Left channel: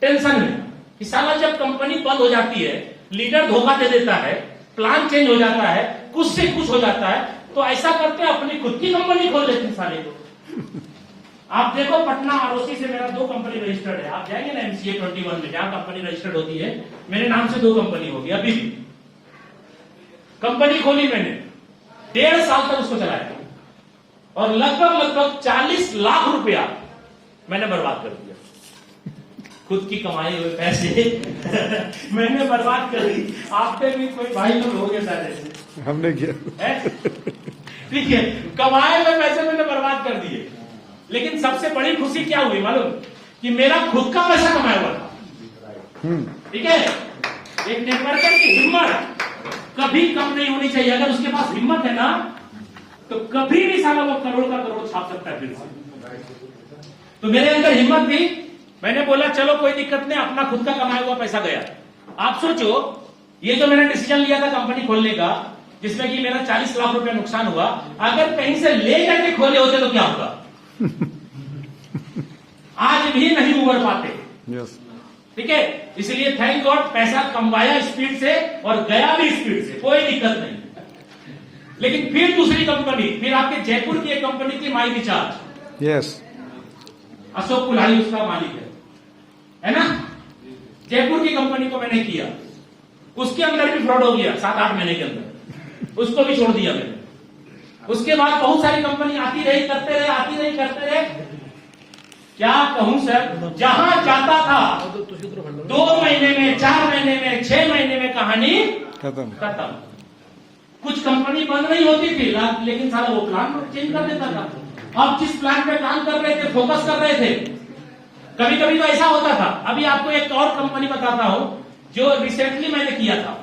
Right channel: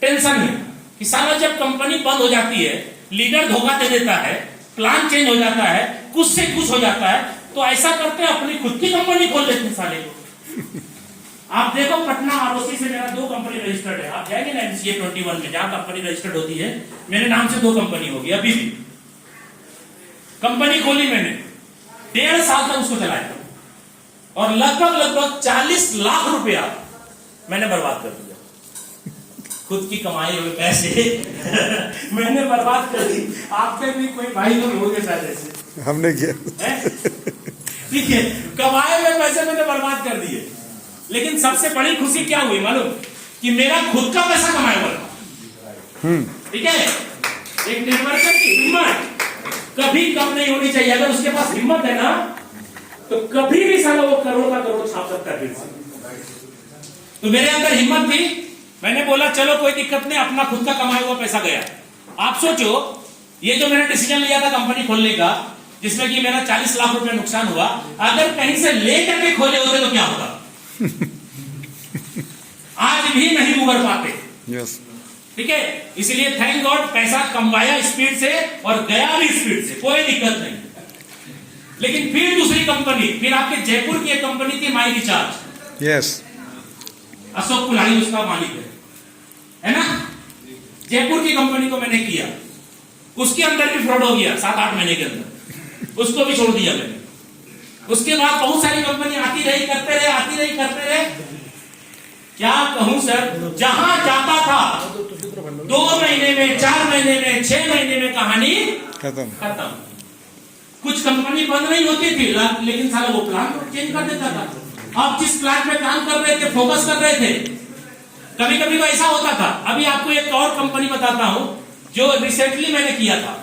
Tension में कि साला जब कंपनी बंद हो जाती है, लीडर धोखा दे देता है, प्लान चेंज हो जाता है, कुछ से कुछ हो जाता है, तो ऐसा करते हैं अपनी खुद की कंपनी खोल लेते हैं साले को। आप देखो पटना आरओसी से मेरा 2 कंपनी रजिस्टर्ड है। आप जाएंगे ना MCA 21 में, जहां कंपनी रजिस्टर्ड होती है, मेरे नाम से 2 कंपनी होगी। अभी भी कंपनी खोली मैंने, 1.5 साल तक उसको चलाया और लगभग 40 लाख रुपया मैंने बर्बाद कर दिया। खुद की कमाई हुए पैसे मैंने बर्बाद कर दी। आपके भी कोई भाई लोग हो गए शायद ऐसे, हमने किया। ठीक है, कमाए हुए पैसे मैंने बर्बाद कर दिए। लेकिन सबसे बड़ी खुशी क्या हुई मालूम, कि मेरा खुद का पैसा कमाया हुआ था। ठीक है, एक नेटवर्कर की हिम्मत कभी कम नहीं होनी चाहिए। अगर उसके पास हिम्मत है ना, तो कभी भी साला वो करोड़ का करोड़ छाप सकता है। तो मेरे अंदर हिम्मत थी, मैंने बोला चलो कोई दिक्कत नहीं, अपना खुद का कमाया हुआ पैसा गया। आप सोचो, ये जो मैंने डिसीजन लिया था कंपनी खोलने का, जिसमें कि मेरा 40 लाख रुपया नुकसान हुआ, अगर कहीं से लेकर के खोले होते तो क्या होगा? आज भी नहीं उबर पाते। यस, ठीक है, इसलिए थैंक गॉड पैसा कमवाया स्पीड से और गया भी स्पीड से, कोई दिक्कत नहीं। लेकिन फिर दूसरी कंपनी, फिर आपके जयपुर की एक कंपनी थी माई रिचार्ज। यस, अशोक कुल्हाड़ी उसका मालिक है ना। जयपुर की कंपनी को मैंने किया, उसके अंदर भी फ्रॉड हो गया 7-8 महीने के अंदर, उसको भी छोड़ दिया मैंने। उसके बाद बहुत सारी कंपनी आती रही, करते रहे, आती रही, करते रहे। क्या कहूं सर, जहां जाता था 2 महीने में, 4 महीने में, 6 महीने में कहानी खत्म। कुछ कंपनी बंद नहीं होती थी, लेकिन साला वो प्लान चेंज कर देता था। आप जिस प्लान पे काम कर रहे थे, फोकस कर रहे थे, कभी कभी तो ऐसा होता था। अभी आपको एक और कंपनी बताता हूं जो रिसेंटली मैंने किया था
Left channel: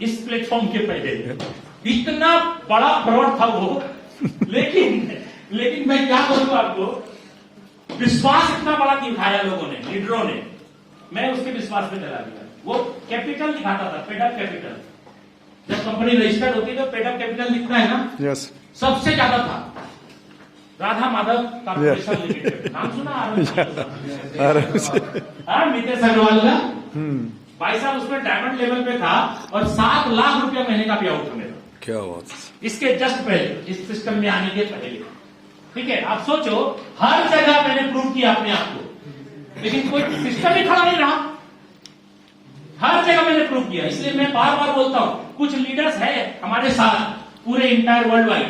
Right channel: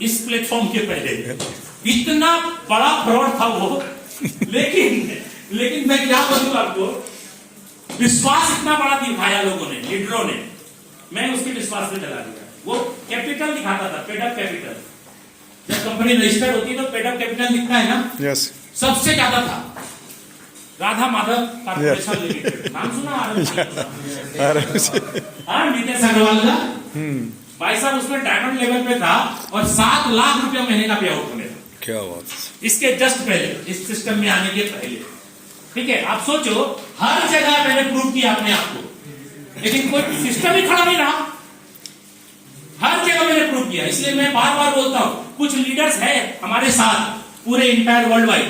इस प्लेटफॉर्म के पहले। इतना बड़ा फ्रॉड था वो, लेकिन मैं क्या बोलूं आपको, विश्वास इतना बड़ा दिखाया लोगों ने, लीडरों ने, मैं उसके विश्वास पे चला गया। वो कैपिटल दिखाता था, पेडअप कैपिटल। जब कंपनी रजिस्टर्ड होती है तो पेडअप कैपिटल दिखता है ना। यस, सबसे ज्यादा था राधा माधव कॉर्पोरेशन लिमिटेड, नाम सुना? नितेश अग्रवाल का। भाई साहब उसमें डायमंड लेवल पे था और 7 लाख रुपया महीने का पे आउट मेरा। क्या बात। इसके जस्ट पहले, इस सिस्टम में आने के पहले। ठीक है, आप सोचो, हर जगह मैंने प्रूव किया अपने आप को, लेकिन कोई सिस्टम ही खड़ा नहीं रहा। हर जगह मैंने प्रूव किया। इसलिए मैं बार बार बोलता हूं, कुछ लीडर्स है हमारे साथ पूरे इंटायर वर्ल्ड वाइड।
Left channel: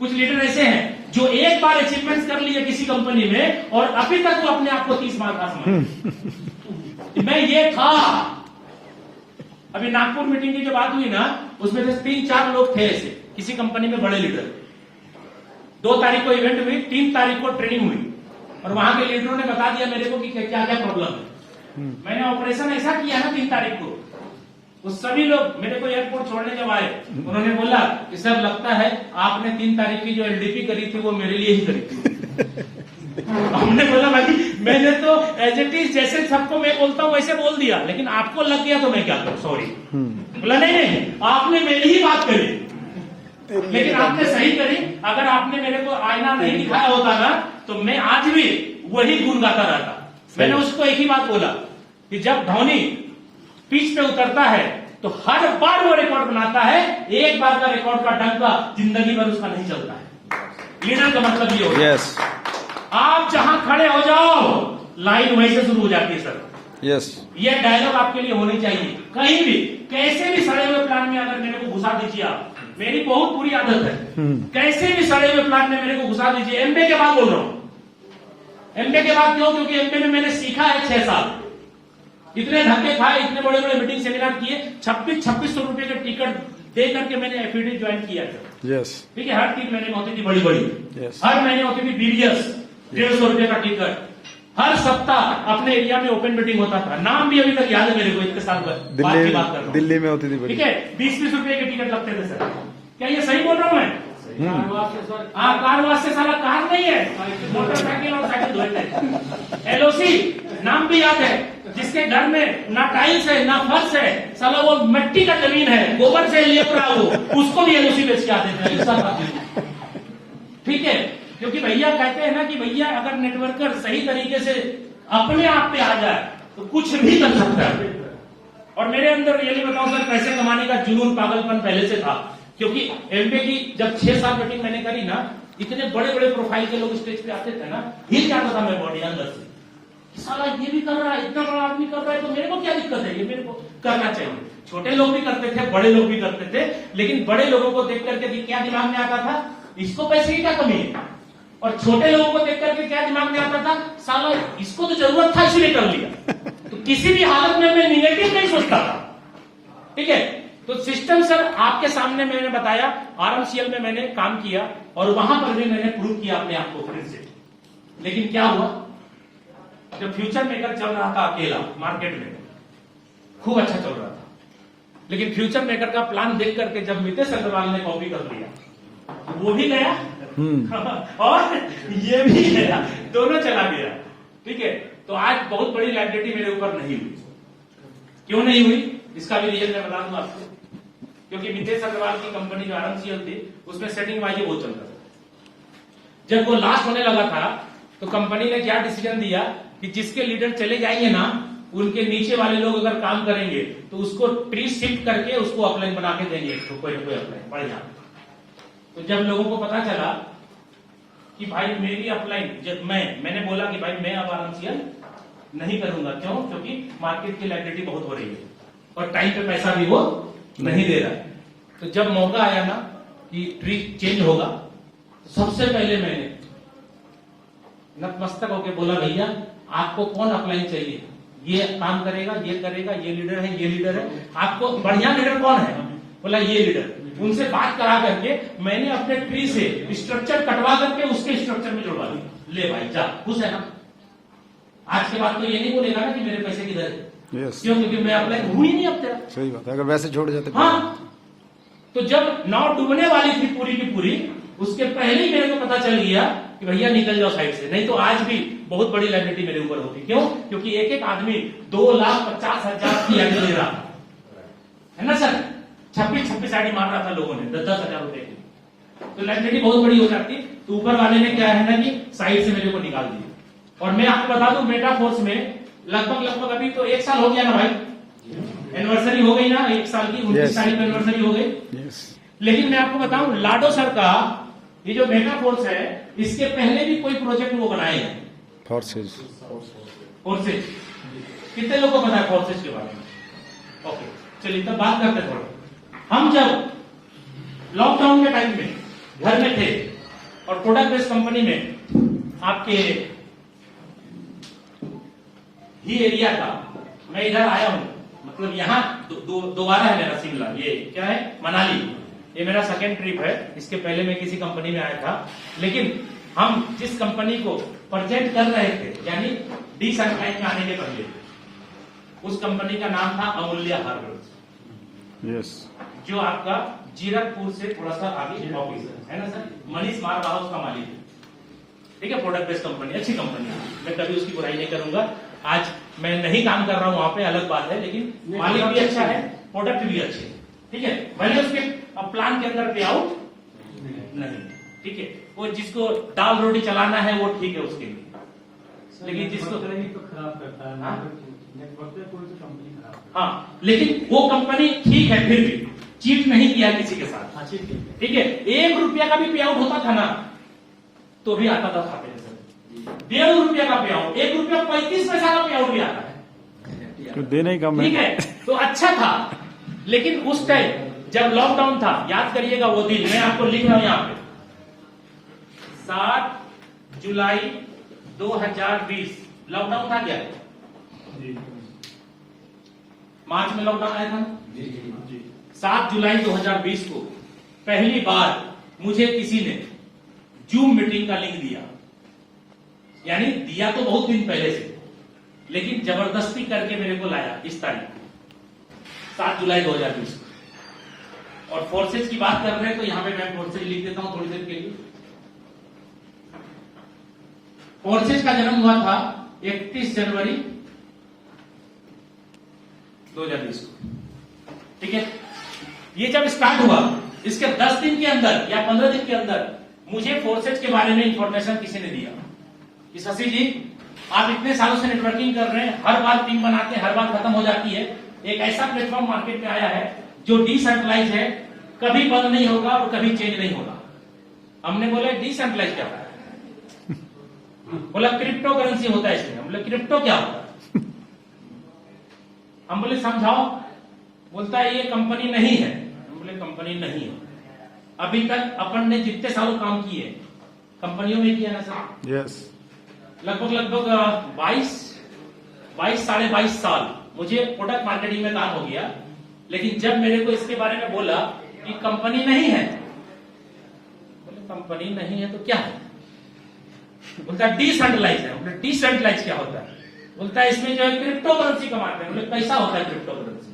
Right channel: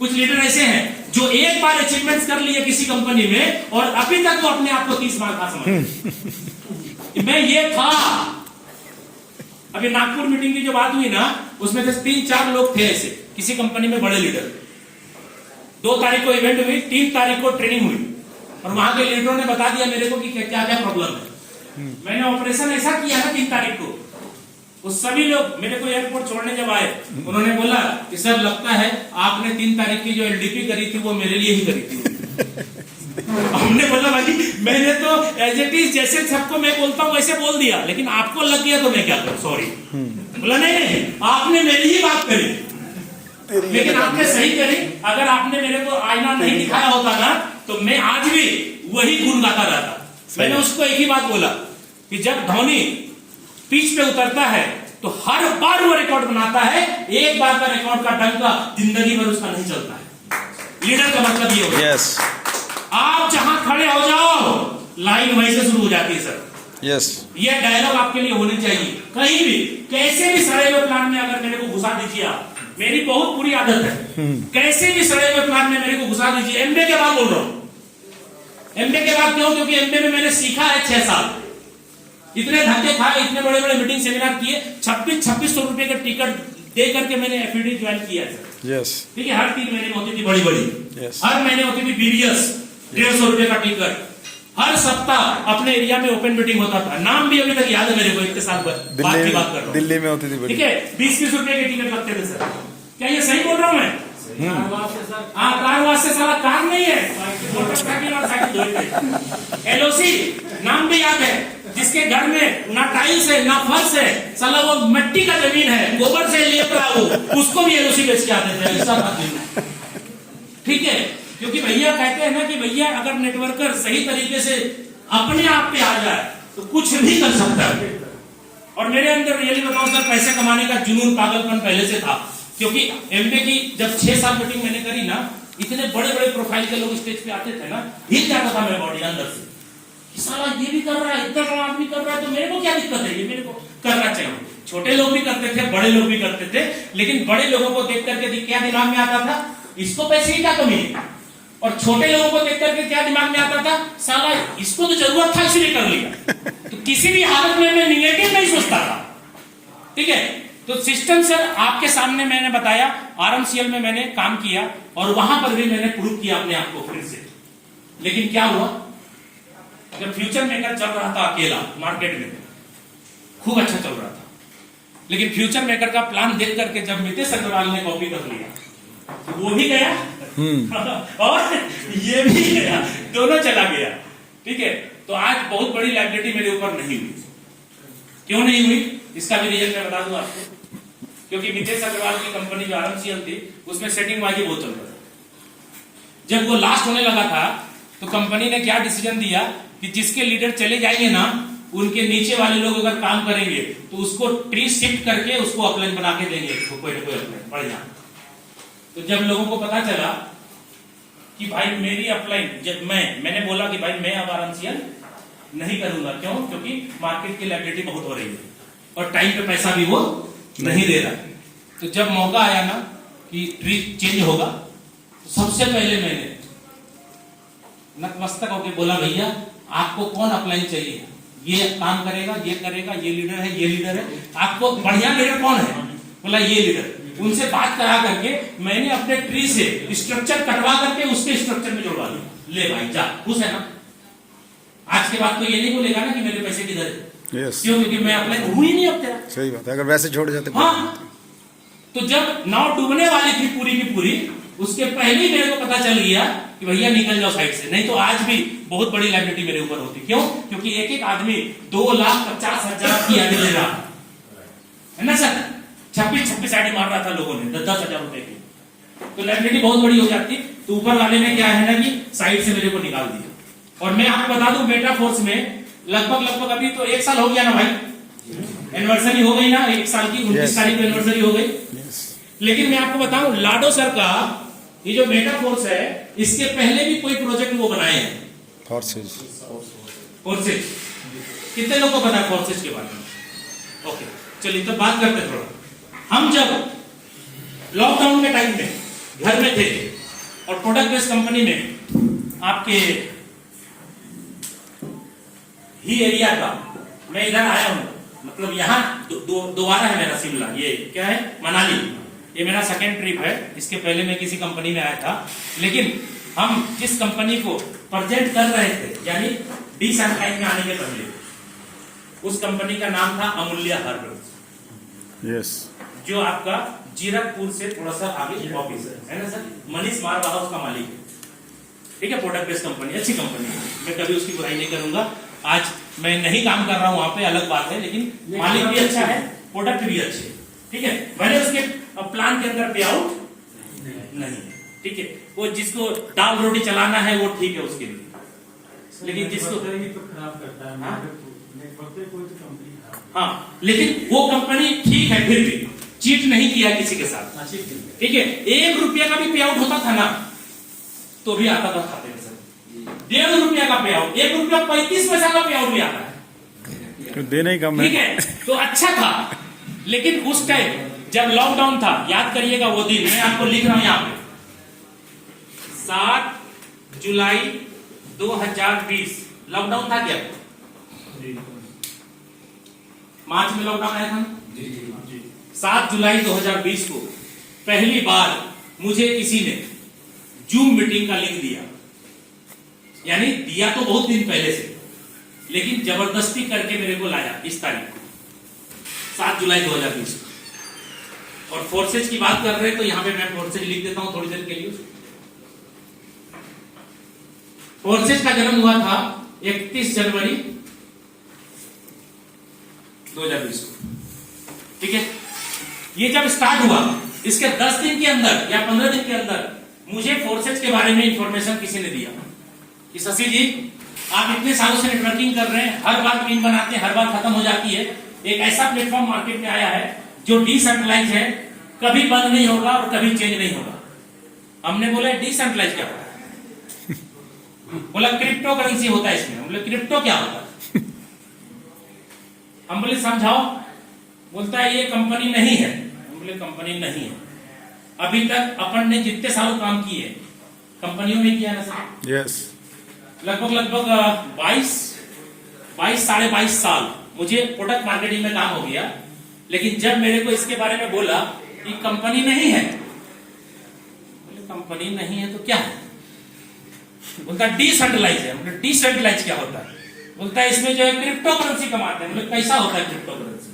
कुछ लीडर ऐसे हैं जो एक बार अचीवमेंट्स कर लिए किसी कंपनी में और अभी तक वो अपने आप को 30 बार का समझ। मैं ये था। अभी नागपुर मीटिंग की जो बात हुई ना, उसमें से 3-4 लोग थे ऐसे किसी कंपनी में बड़े लीडर। 2 तारीख को इवेंट हुई, 3 तारीख को ट्रेनिंग हुई और वहां के लीडरों ने बता दिया मेरे को कि क्या क्या प्रॉब्लम है। मैंने ऑपरेशन ऐसा किया ना 3 तारीख को, वो सभी लोग मेरे को एयरपोर्ट छोड़ने जब आए, उन्होंने बोला कि सर लगता है आपने 3 तारीख की जो LDP करी थी वो मेरे लिए ही करी थी। हमने बोला भाई मैंने तो एज इट इज जैसे सबको मैं बोलता हूँ वैसे बोल दिया, लेकिन आपको लग गया तो मैं क्या करूं, सॉरी। बोला नहीं, आपने मेरी ही बात करी, लेकिन आपने सही करी। अगर आपने मेरे को आईना नहीं दिखाया होता ना, तो मैं आज भी वही गुण गाता रहता। मैंने उसको एक ही बात बोला कि जब धोनी पिच पे उतरता है तो हर बार वो रिकॉर्ड बनाता है, एक बार का रिकॉर्ड का डंका जिंदगी भर उसका नहीं चलता है। लीडर का मतलब ये होगा, यस, आप जहां खड़े हो जाओ लाइन वहीं से शुरू हो जाती है सर। यस, ये डायलॉग आपके लिए होने चाहिए। कहीं भी कैसे भी सड़े हुए प्लान में अगर मेरे को घुसा दीजिए आप, मेरी बहुत बुरी आदत है, कैसे भी सड़े हुए प्लान में मेरे को घुसा दीजिए। MBA के बाद बोल रहा हूं, MBA के बाद क्यों? क्योंकि MBA में मैंने सीखा है 6 साल, इतने धक्के खाए, इतने बड़े बड़े मीटिंग सेमिनार किए, 2600 रुपए के टिकट दे करके मैंने FED ज्वाइन किया सर। यस, ठीक है, हर 3 महीने में होती थी बड़ी बड़ी, Yes. हर महीने होती थी BBS 150 रुपए का टिकट। हर सप्ताह अपने एरिया में ओपन मीटिंग होता था, नाम भी अभी तक याद है मेरे को, इतने साल बाद की बात कर रहा हूं। दिल्ली में होती थी। ठीक है, 20-20 रुपए के टिकट लगते थे सर। क्या ये सही बोल रहा हूं मैं? हाँ, कार वास्ते साला कार नहीं है, मोटरसाइकिल और साइकिल धोते। LOC नाम भी याद है, जिसके घर में ना टाइल्स है ना फर्श है, साला वो मिट्टी का जमीन है, गोबर से लेप रहा वो, उसको भी LOC बेच के आते थे। ठीक है, क्योंकि भैया कहते हैं ना कि भैया अगर नेटवर्कर सही तरीके से अपने आप पे आ जाए तो कुछ भी कर सकता है। और मेरे अंदर रियली बताऊं सर, पैसे कमाने का जुनून, पागलपन पहले से था, क्योंकि एमबीए की जब 6 साल मीटिंग मैंने करी ना, इतने बड़े बड़े प्रोफाइल के लोग स्टेज पे आते थे ना, हिल जाता था मैं बॉडी अंदर से कि साला ये भी कर रहा है, इतना बड़ा आदमी कर रहा है, तो मेरे को क्या दिक्कत है, ये मेरे को करना चाहिए। छोटे लोग भी करते थे, बड़े लोग भी करते थे, लेकिन बड़े लोगों को देख करके क्या दिमाग में आता था, इसको पैसे की क्या कमी है। और छोटे लोगों को देख करके क्या दिमाग में आता था, साला इसको तो जरूरत था इसलिए कर लिया। तो किसी भी हालत में मैं निगेटिव नहीं सोचता था, ठीक है। तो सिस्टम सर आपके सामने मैंने बताया, आरएमसीएल में मैंने काम किया और वहां पर भी मैंने प्रूव किया अपने आप को फिर से। लेकिन क्या हुआ, जब फ्यूचर मेकर चल रहा था अकेला मार्केट में, खूब अच्छा चल रहा था, लेकिन फ्यूचर मेकर का प्लान देख करके जब मितेश अग्रवाल ने कॉपी कर लिया, वो भी गया और ये भी गया, दोनों चला गया, ठीक है। तो आज बहुत बड़ी लायबिलिटी मेरे ऊपर नहीं हुई। क्यों नहीं हुई, इसका भी रीजन मैं बता दूं आपको। क्योंकि मितेश अग्रवाल की कंपनी जो आरएमसीएल थी, उसमें सेटिंग बाजी बहुत चलता था। जब वो लास्ट होने लगा था, तो कंपनी ने क्या डिसीजन दिया कि जिसके लीडर चले जाएंगे ना, उनके नीचे वाले लोग अगर काम करेंगे तो उसको ट्री शिफ्ट करके उसको अपलाइन बना के देंगे, तो कोई ना कोई अपलाइन बढ़िया। तो जब लोगों को पता चला कि भाई मेरी अपलाइन, जब मैंने बोला कि भाई मैं अब आरएमसीएल नहीं करूंगा, क्यों, क्योंकि मार्केट की लायबिलिटी बहुत हो रही है और टाइम पे पैसा भी वो नहीं दे रहा। तो जब मौका आया ना कि ट्री चेंज होगा, तो सबसे पहले मैंने नतमस्तक होकर बोला, भैया आपको कौन अपलाइन चाहिए, ये काम करेगा, ये करेगा, ये लीडर है, ये लीडर है, आपको बढ़िया लीडर कौन है, बोला ये लीडर। उनसे बात करा करके मैंने अपने ट्री से स्ट्रक्चर कटवा करके उसके स्ट्रक्चर में जोड़वा दिया। ले भाई जा, खुश है ना। आज के बाद तो ये नहीं बोलेगा ना कि मेरे पैसे किधर है। yes. क्यों, क्योंकि मैं अपने हूं ही नहीं अब तेरा। सही बात है, अगर वैसे छोड़ जाते। हाँ, तो जब नाव डूबने वाली थी पूरी की पूरी, उसके पहले ही मेरे को पता चल गया कि भैया निकल जाओ साइड से, नहीं तो आज भी बहुत बड़ी लायबिलिटी मेरे ऊपर होती। क्यों, क्योंकि एक एक आदमी 2,50,000 की आगे ले रहा है ना सर, 26 आईडी मार रहा था लोगों ने 10,000 रुपए की, तो लायबिलिटी बहुत बड़ी हो जाती। तो ऊपर वाले ने क्या है ना कि साइड से मेरे को निकाल दिया। और मैं आपको बता दूं, मेटाफोर्स में लगभग अभी तो 1 साल हो गया ना भाई, एनिवर्सरी हो गई ना, 1 साल की 29 तारीख को एनिवर्सरी हो गई। लेकिन मैं आपको बताऊं, लाडो सर का ये जो मेटाफोर्स है, इसके पहले भी कोई प्रोजेक्ट वो बनाए हैं, फोर्सेज। कितने लोगों को पता है फोर्सेज के बारे में? ओके, चलिए तो बात करते हैं थोड़ा। हम जब लॉकडाउन के टाइम में घर में थे और प्रोडक्ट बेस्ड कंपनी में आपके ही एरिया का, मैं इधर आया हूं, मतलब यहाँ दोबारा है मेरा शिमला, ये क्या है, मनाली, ये मेरा सेकेंड ट्रिप है। इसके पहले मैं किसी कंपनी में आया था, लेकिन हम जिस कंपनी को प्रेजेंट कर रहे थे, यानी डी-सैनिटाइज में आने के पहले, उस कंपनी का नाम था अमूल्य हार्बर्स, यस, जो आपका जीरकपुर से थोड़ा सा आगे ऑफिस है ना सर, मनीष मारवा उसका मालिक है, ठीक है। प्रोडक्ट बेस्ड कंपनी, अच्छी कंपनी है, मैं कभी उसकी बुराई नहीं करूंगा। आज मैं नहीं काम कर रहा हूं वहां पे, अलग बात है, लेकिन मालिक भी अच्छा है, प्रोडक्ट भी अच्छे, ठीक है। भले उसके प्लान के अंदर पे आउट नहीं, ठीक है। वो जिसको दाल रोटी चलाना है वो ठीक है उसके लिए, लेकिन जिसको खराब करता है, हाँ, लेकिन वो कंपनी ठीक है, फिर भी चीट नहीं किया किसी के साथ, ठीक है। 1 रुपया का भी पे आउट होता था ना, तो भी आता था खाते में सर। 1.5 रुपया का पे आउट, 1 रुपया 35 पैसा का पे आउट भी आता है, तो देना ही कम है, ठीक है। तो अच्छा था, लेकिन उस टाइम जब लॉकडाउन था, याद करिएगा वो दिन, मैं आपको लिख रहा हूं यहां पे, 7 जुलाई 2020 लॉकडाउन था क्या? मार्च में लॉकडाउन आया था ना? 7 जुलाई 2020 को पहली बार मुझे किसी ने जूम मीटिंग का लिंक दिया, यानी दिया तो बहुत दिन पहले से, लेकिन जबरदस्ती करके मेरे को लाया इस तारीख को 7 जुलाई 2020। और फोर्सेज की बात कर रहे हैं तो यहां पे मैं फोर्सेज लिख देता हूं थोड़ी देर के लिए। फोर्सेज का जन्म हुआ था 31 जनवरी 2020, ठीक है। ये जब स्टार्ट हुआ, इसके 10 दिन के अंदर या 15 दिन के अंदर मुझे फोर्सेज के बारे में इंफॉर्मेशन किसी ने दिया कि शशि जी आप इतने सालों से नेटवर्किंग कर रहे हैं, हर बार टीम बनाते हैं, हर बार खत्म हो जाती है। एक ऐसा प्लेटफॉर्म मार्केट में आया है जो डिसेंट्रलाइज है, कभी बंद नहीं होगा और कभी चेंज नहीं होगा। हमने बोला डिसेंट्रलाइज क्या होता है? बोला क्रिप्टो करेंसी होता है इसमें। हम बोले क्रिप्टो क्या होता है? हम बोले समझाओ। बोलता है ये कंपनी नहीं है। हम बोले कंपनी नहीं है। अभी तक अपन ने जितने सालों काम किए कंपनियों में किया ना सर, यस, लगभग 22 साढ़े 22 साल मुझे प्रोडक्ट मार्केटिंग में काम हो गया। लेकिन जब मेरे को इसके बारे में बोला कि कंपनी नहीं है, बोले कंपनी नहीं है तो क्या है? बोलता है डिसेंट्रलाइज है। बोले डिसेंट्रलाइज क्या होता है? बोलता है इसमें जो है क्रिप्टो करेंसी कमाते हैं। बोले कैसा होता है क्रिप्टो करेंसी?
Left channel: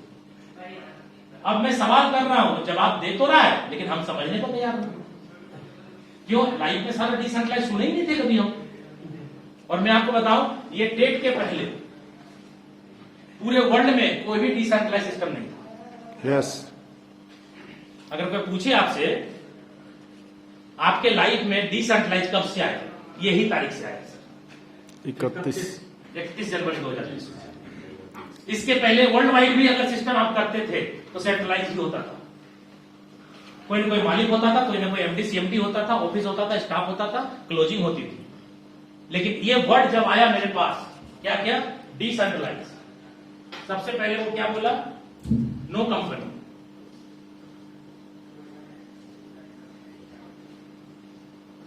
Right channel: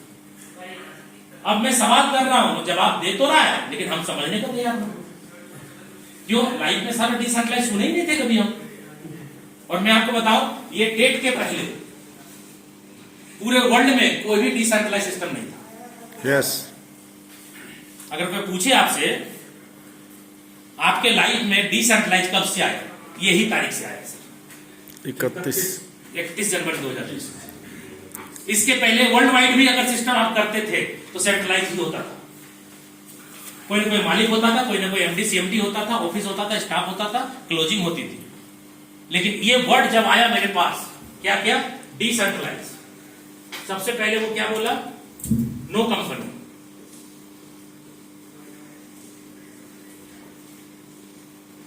अब मैं सवाल कर रहा हूं तो जवाब दे तो रहा है, लेकिन हम समझने को तैयार नहीं। क्यों? लाइफ में सारे डिसेंट्रलाइज सुने ही नहीं थे कभी हम। और मैं आपको बताऊं, ये टेट के पहले पूरे वर्ल्ड में कोई भी डिसेंट्रलाइज सिस्टम नहीं था। यस। अगर कोई पूछे आपसे आपके लाइफ में डिसेंट्रलाइज कब से आया, यही तारीख से आया सर, 31 जनवरी 2020। इसके पहले वर्ल्ड वाइड भी अगर सिस्टम आप करते थे तो सेंट्रलाइज ही होता था। कोई ना कोई मालिक होता था, कोई ना कोई एमडी सीएमडी होता था, ऑफिस होता था, स्टाफ होता था, क्लोजिंग होती थी। लेकिन ये वर्ड जब आया मेरे पास, क्या क्या? डिसेंट्रलाइज। सबसे पहले वो क्या बोला? No company.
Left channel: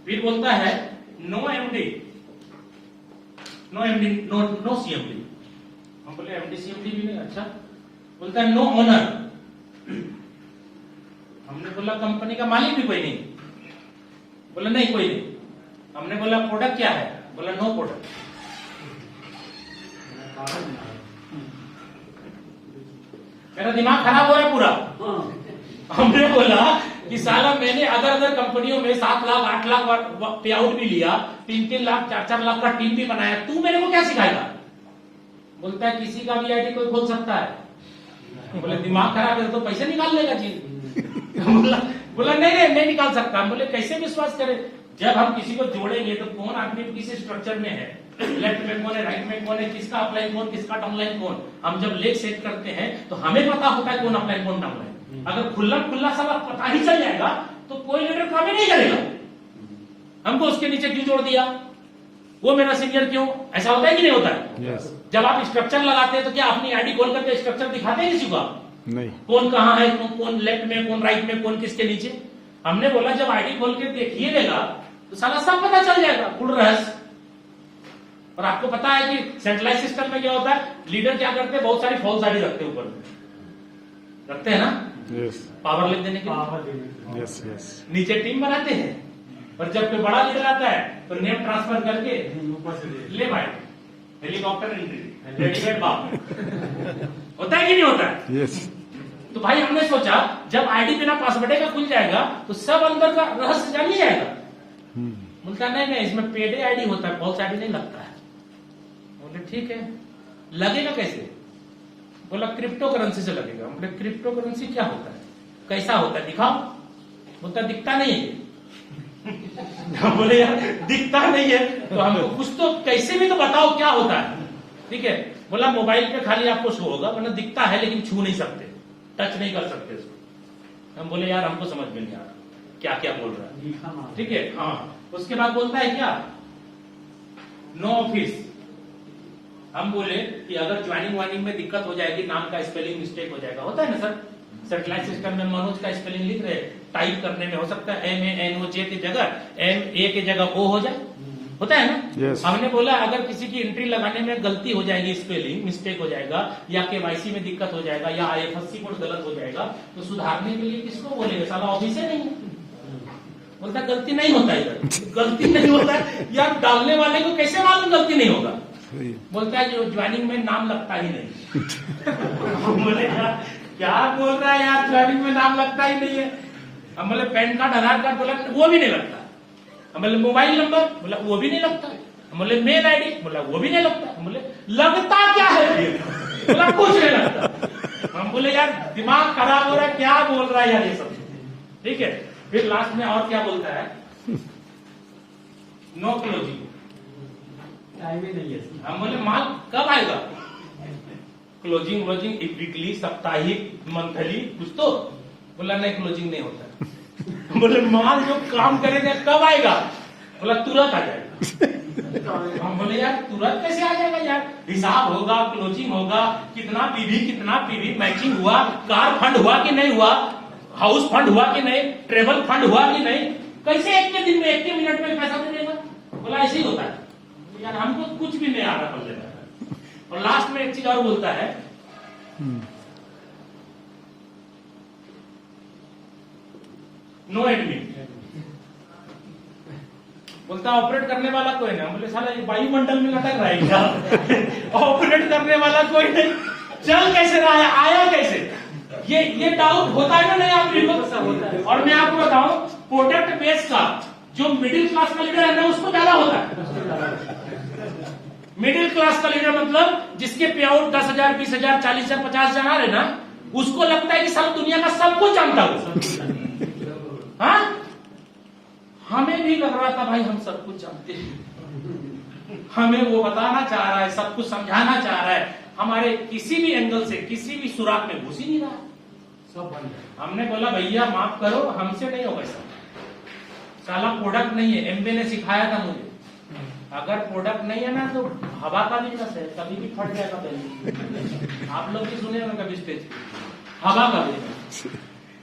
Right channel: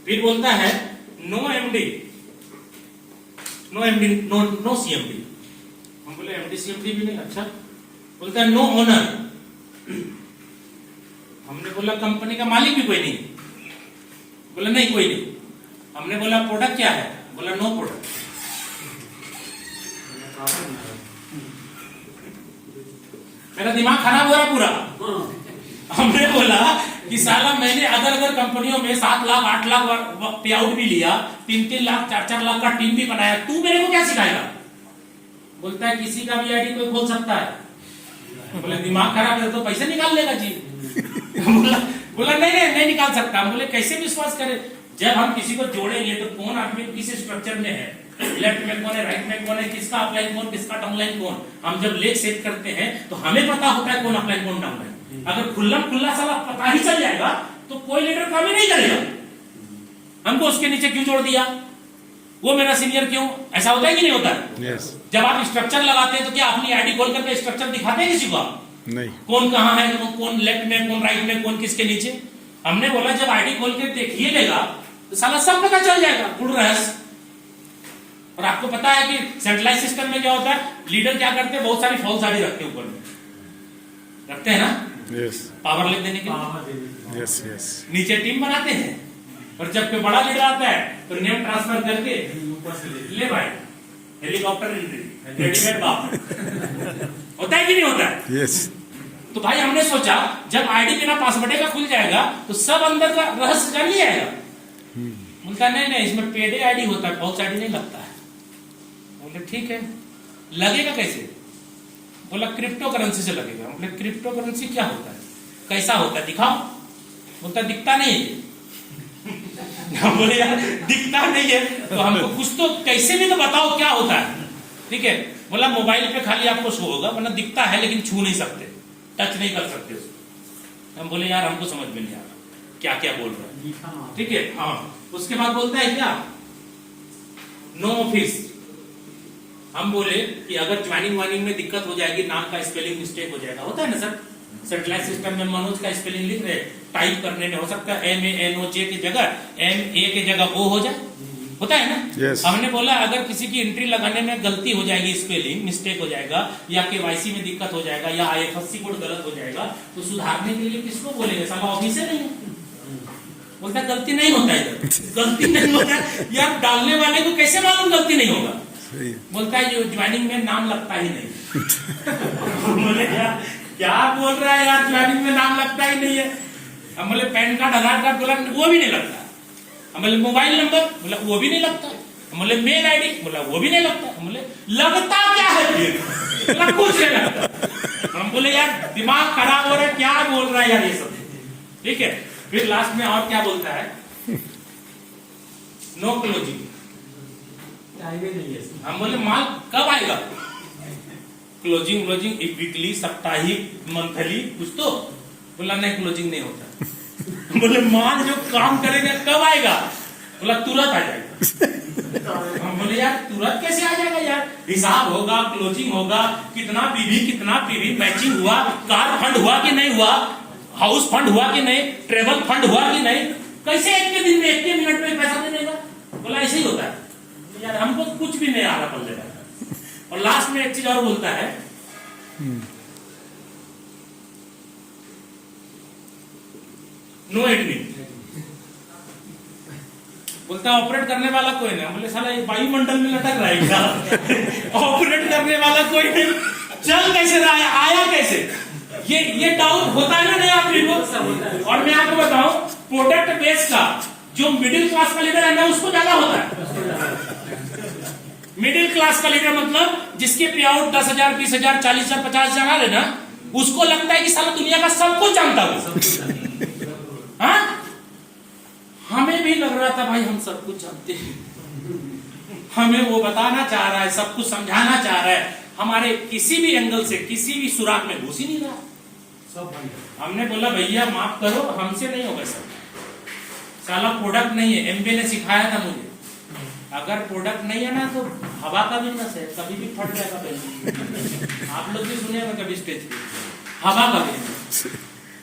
फिर बोलता है नो एमडी, नो सीएमडी। हम बोले एमडी सीएमडी भी नहीं। अच्छा। बोलता है नो ओनर। हमने बोला कंपनी का मालिक भी कोई नहीं। बोला नहीं कोई नहीं। हमने बोला प्रोडक्ट क्या है? बोला नो प्रोडक्ट। मेरा दिमाग खराब हो रहा पूरा। हमने बोला कि साला मैंने अदर कंपनियों में 7 लाख 8 लाख पे आउट भी लिया, 3-3 लाख 4-4 लाख का टीम भी बनाया, तू मेरे को क्या सिखाएगा? बोलता है किसी का भी आईडी कोई खोल सकता है। बोले दिमाग खराब है तो पैसे निकाल लेगा जी। बोला नहीं निकाल सकता। हम बोले कैसे विश्वास करें? जब हम किसी को जोड़ेंगे तो कौन आदमी किस स्ट्रक्चर में है, लेफ्ट में कौन है, राइट में कौन है, किसका अपलाइन कौन, किसका डाउनलाइन कौन। हम जब लेग सेट करते हैं तो हमें पता होता है कौन अपलाइन कौन डाउनलाइन। अगर खुला साला पता ही चल जाएगा तो कोई लीडर काम ही नहीं करेगा। हमको उसके नीचे क्यों जोड़ दिया, वो मेरा सीनियर क्यों? ऐसा होता है कि नहीं होता है? यस। जब आप स्ट्रक्चर लगाते हैं तो क्या अपनी आईडी खोल करके स्ट्रक्चर दिखाते हैं किसी को? नहीं। कौन कहां है, कौन लेफ्ट में, कौन राइट में, कौन किसके नीचे। हमने बोला जब आईडी खोल के देखिए लेगा तो साला सब पता चल जाएगा, गुड़ रहस्य। और आपको पता है कि सेंट्रलाइज सिस्टम में क्या होता है, लीडर क्या करते हैं, बहुत सारी फॉल्स आईडी रखते हैं, ऊपर में रखते हैं ना, यस, पावर लिख देने के लिए। Yes yes. नीचे टीम बनाते हैं और जब कोई बड़ा लीडर आता है तो नेम ट्रांसफर करके ले भाई हेलीकॉप्टर एंट्री रेडीमेड बाप। होता है कि नहीं होता है? यस। तो भाई हमने सोचा जब आईडी बिना पासवर्ड का खुल जाएगा तो सब अंदर का रहस्य जान जाएगा। बोलता नहीं इसमें पेड आईडी होता है, फॉल्स आईडी नहीं लगता है। बोले ठीक है, लगेगा कैसे? बोला क्रिप्टो करेंसी से लगेगा। बोले क्रिप्टो करेंसी क्या होता है, कैसा होता है, दिखाओ। बोलता दिखता नहीं है। बोले यार दिखता नहीं है तो हमको कुछ तो कैसे भी तो बताओ क्या होता है। ठीक है, बोला मोबाइल पे खाली आपको शो होगा, वरना दिखता है लेकिन छू नहीं सकते, टच नहीं कर सकते उसको। हम बोले यार हमको समझ में नहीं आ रहा क्या क्या बोल रहा है। ठीक है, हाँ। उसके बाद बोलता है क्या, नो ऑफिस। हम बोले कि अगर ज्वाइनिंग वाइनिंग में दिक्कत हो जाएगी, नाम का स्पेलिंग मिस्टेक हो जाएगा, होता है ना सर, सेटेलाइट सिस्टम में मनोज का स्पेलिंग लिख रहे, टाइप करने में हो सकता है MANOJ की जगह MA की जगह O हो जाए, होता है ना। yes. हमने बोला अगर किसी की एंट्री लगाने में गलती हो जाएगी, स्पेलिंग मिस्टेक हो जाएगा, या KYC में दिक्कत हो जाएगा, या IFSC कोड गलत हो जाएगा, तो सुधारने के लिए किसको बोलेंगे, साला ऑफिस है नहीं। बोलता गलती नहीं होता है, गलती नहीं होता है यार, डालने वाले को कैसे मालूम गलती नहीं होगा। बोलता है ये ज्वाइनिंग में नाम लगता ही नहीं। बोले यार क्या बोल रहा है यार, ज्वाइनिंग में नाम लगता ही नहीं है। हम बोले पैन कार्ड आधार कार्ड, बोला वो भी नहीं लगता। हम बोले मोबाइल नंबर, बोला वो भी नहीं लगता। हम बोले मेल आईडी, बोला वो भी नहीं लगता। हम बोले लगता क्या है, बोला कुछ नहीं लगता। हम बोले यार दिमाग खराब हो रहा है, क्या बोल रहा है यार ये सब। ठीक है, फिर लास्ट में और क्या बोलता है, नो क्लोजिंग। हम बोले माल कब आएगा, क्लोजिंग वीकली, साप्ताहिक, मंथली, कुछ तो। बोला नहीं, क्लोजिंग नहीं होता। बोले माल जो काम करेगा कब आएगा, बोला तुरंत आ जाएगा। हम बोले यार तुरंत कैसे आ जाएगा यार, हिसाब होगा, क्लोजिंग होगा, कितना पीवी मैचिंग हुआ, कार फंड हुआ कि नहीं हुआ, हाउस फंड हुआ कि नहीं, ट्रेवल फंड हुआ कि नहीं, कैसे एक के दिन में, एक के मिनट में पैसा दे देगा। बोला ऐसे ही होता है यार, हमको कुछ भी नहीं आ रहा पल्ले में। और लास्ट में एक चीज और बोलता है, नो एडमिन। बोलता ऑपरेट करने वाला कोई नहीं। बोले साला ये वायुमंडल में लटक रहा है क्या? ऑपरेट करने वाला कोई नहीं, चल कैसे रहा है, आया कैसे, ये डाउट होता है ना नहीं आदमी को। और मैं आपको बताऊं, प्रोडक्ट बेस का जो मिडिल क्लास का लीडर है ना, उसको ज्यादा होता है। मिडिल क्लास का लीडर मतलब जिसके पे आउट 10,000, 20,000, 40,000, 50,000 आ रहे ना, उसको लगता है कि साला दुनिया का सब कुछ जानता हूं। हाँ, हमें भी लग रहा था भाई हम सब कुछ जानते हैं, हमें वो बताना चाह रहा है, सब कुछ समझाना चाह रहा है, हमारे किसी भी एंगल से किसी भी सुराग में घुस ही नहीं रहा सब। हमने बोला भैया माफ करो, हमसे नहीं होगा सब, साला प्रोडक्ट नहीं है। एमबी ने सिखाया था मुझे, अगर प्रोडक्ट नहीं है ना तो हवा का बिजनेस है, कभी भी फट जाएगा बिजनेस। आप लोग भी सुने ना कभी स्टेज पे, हवा का बिजनेस।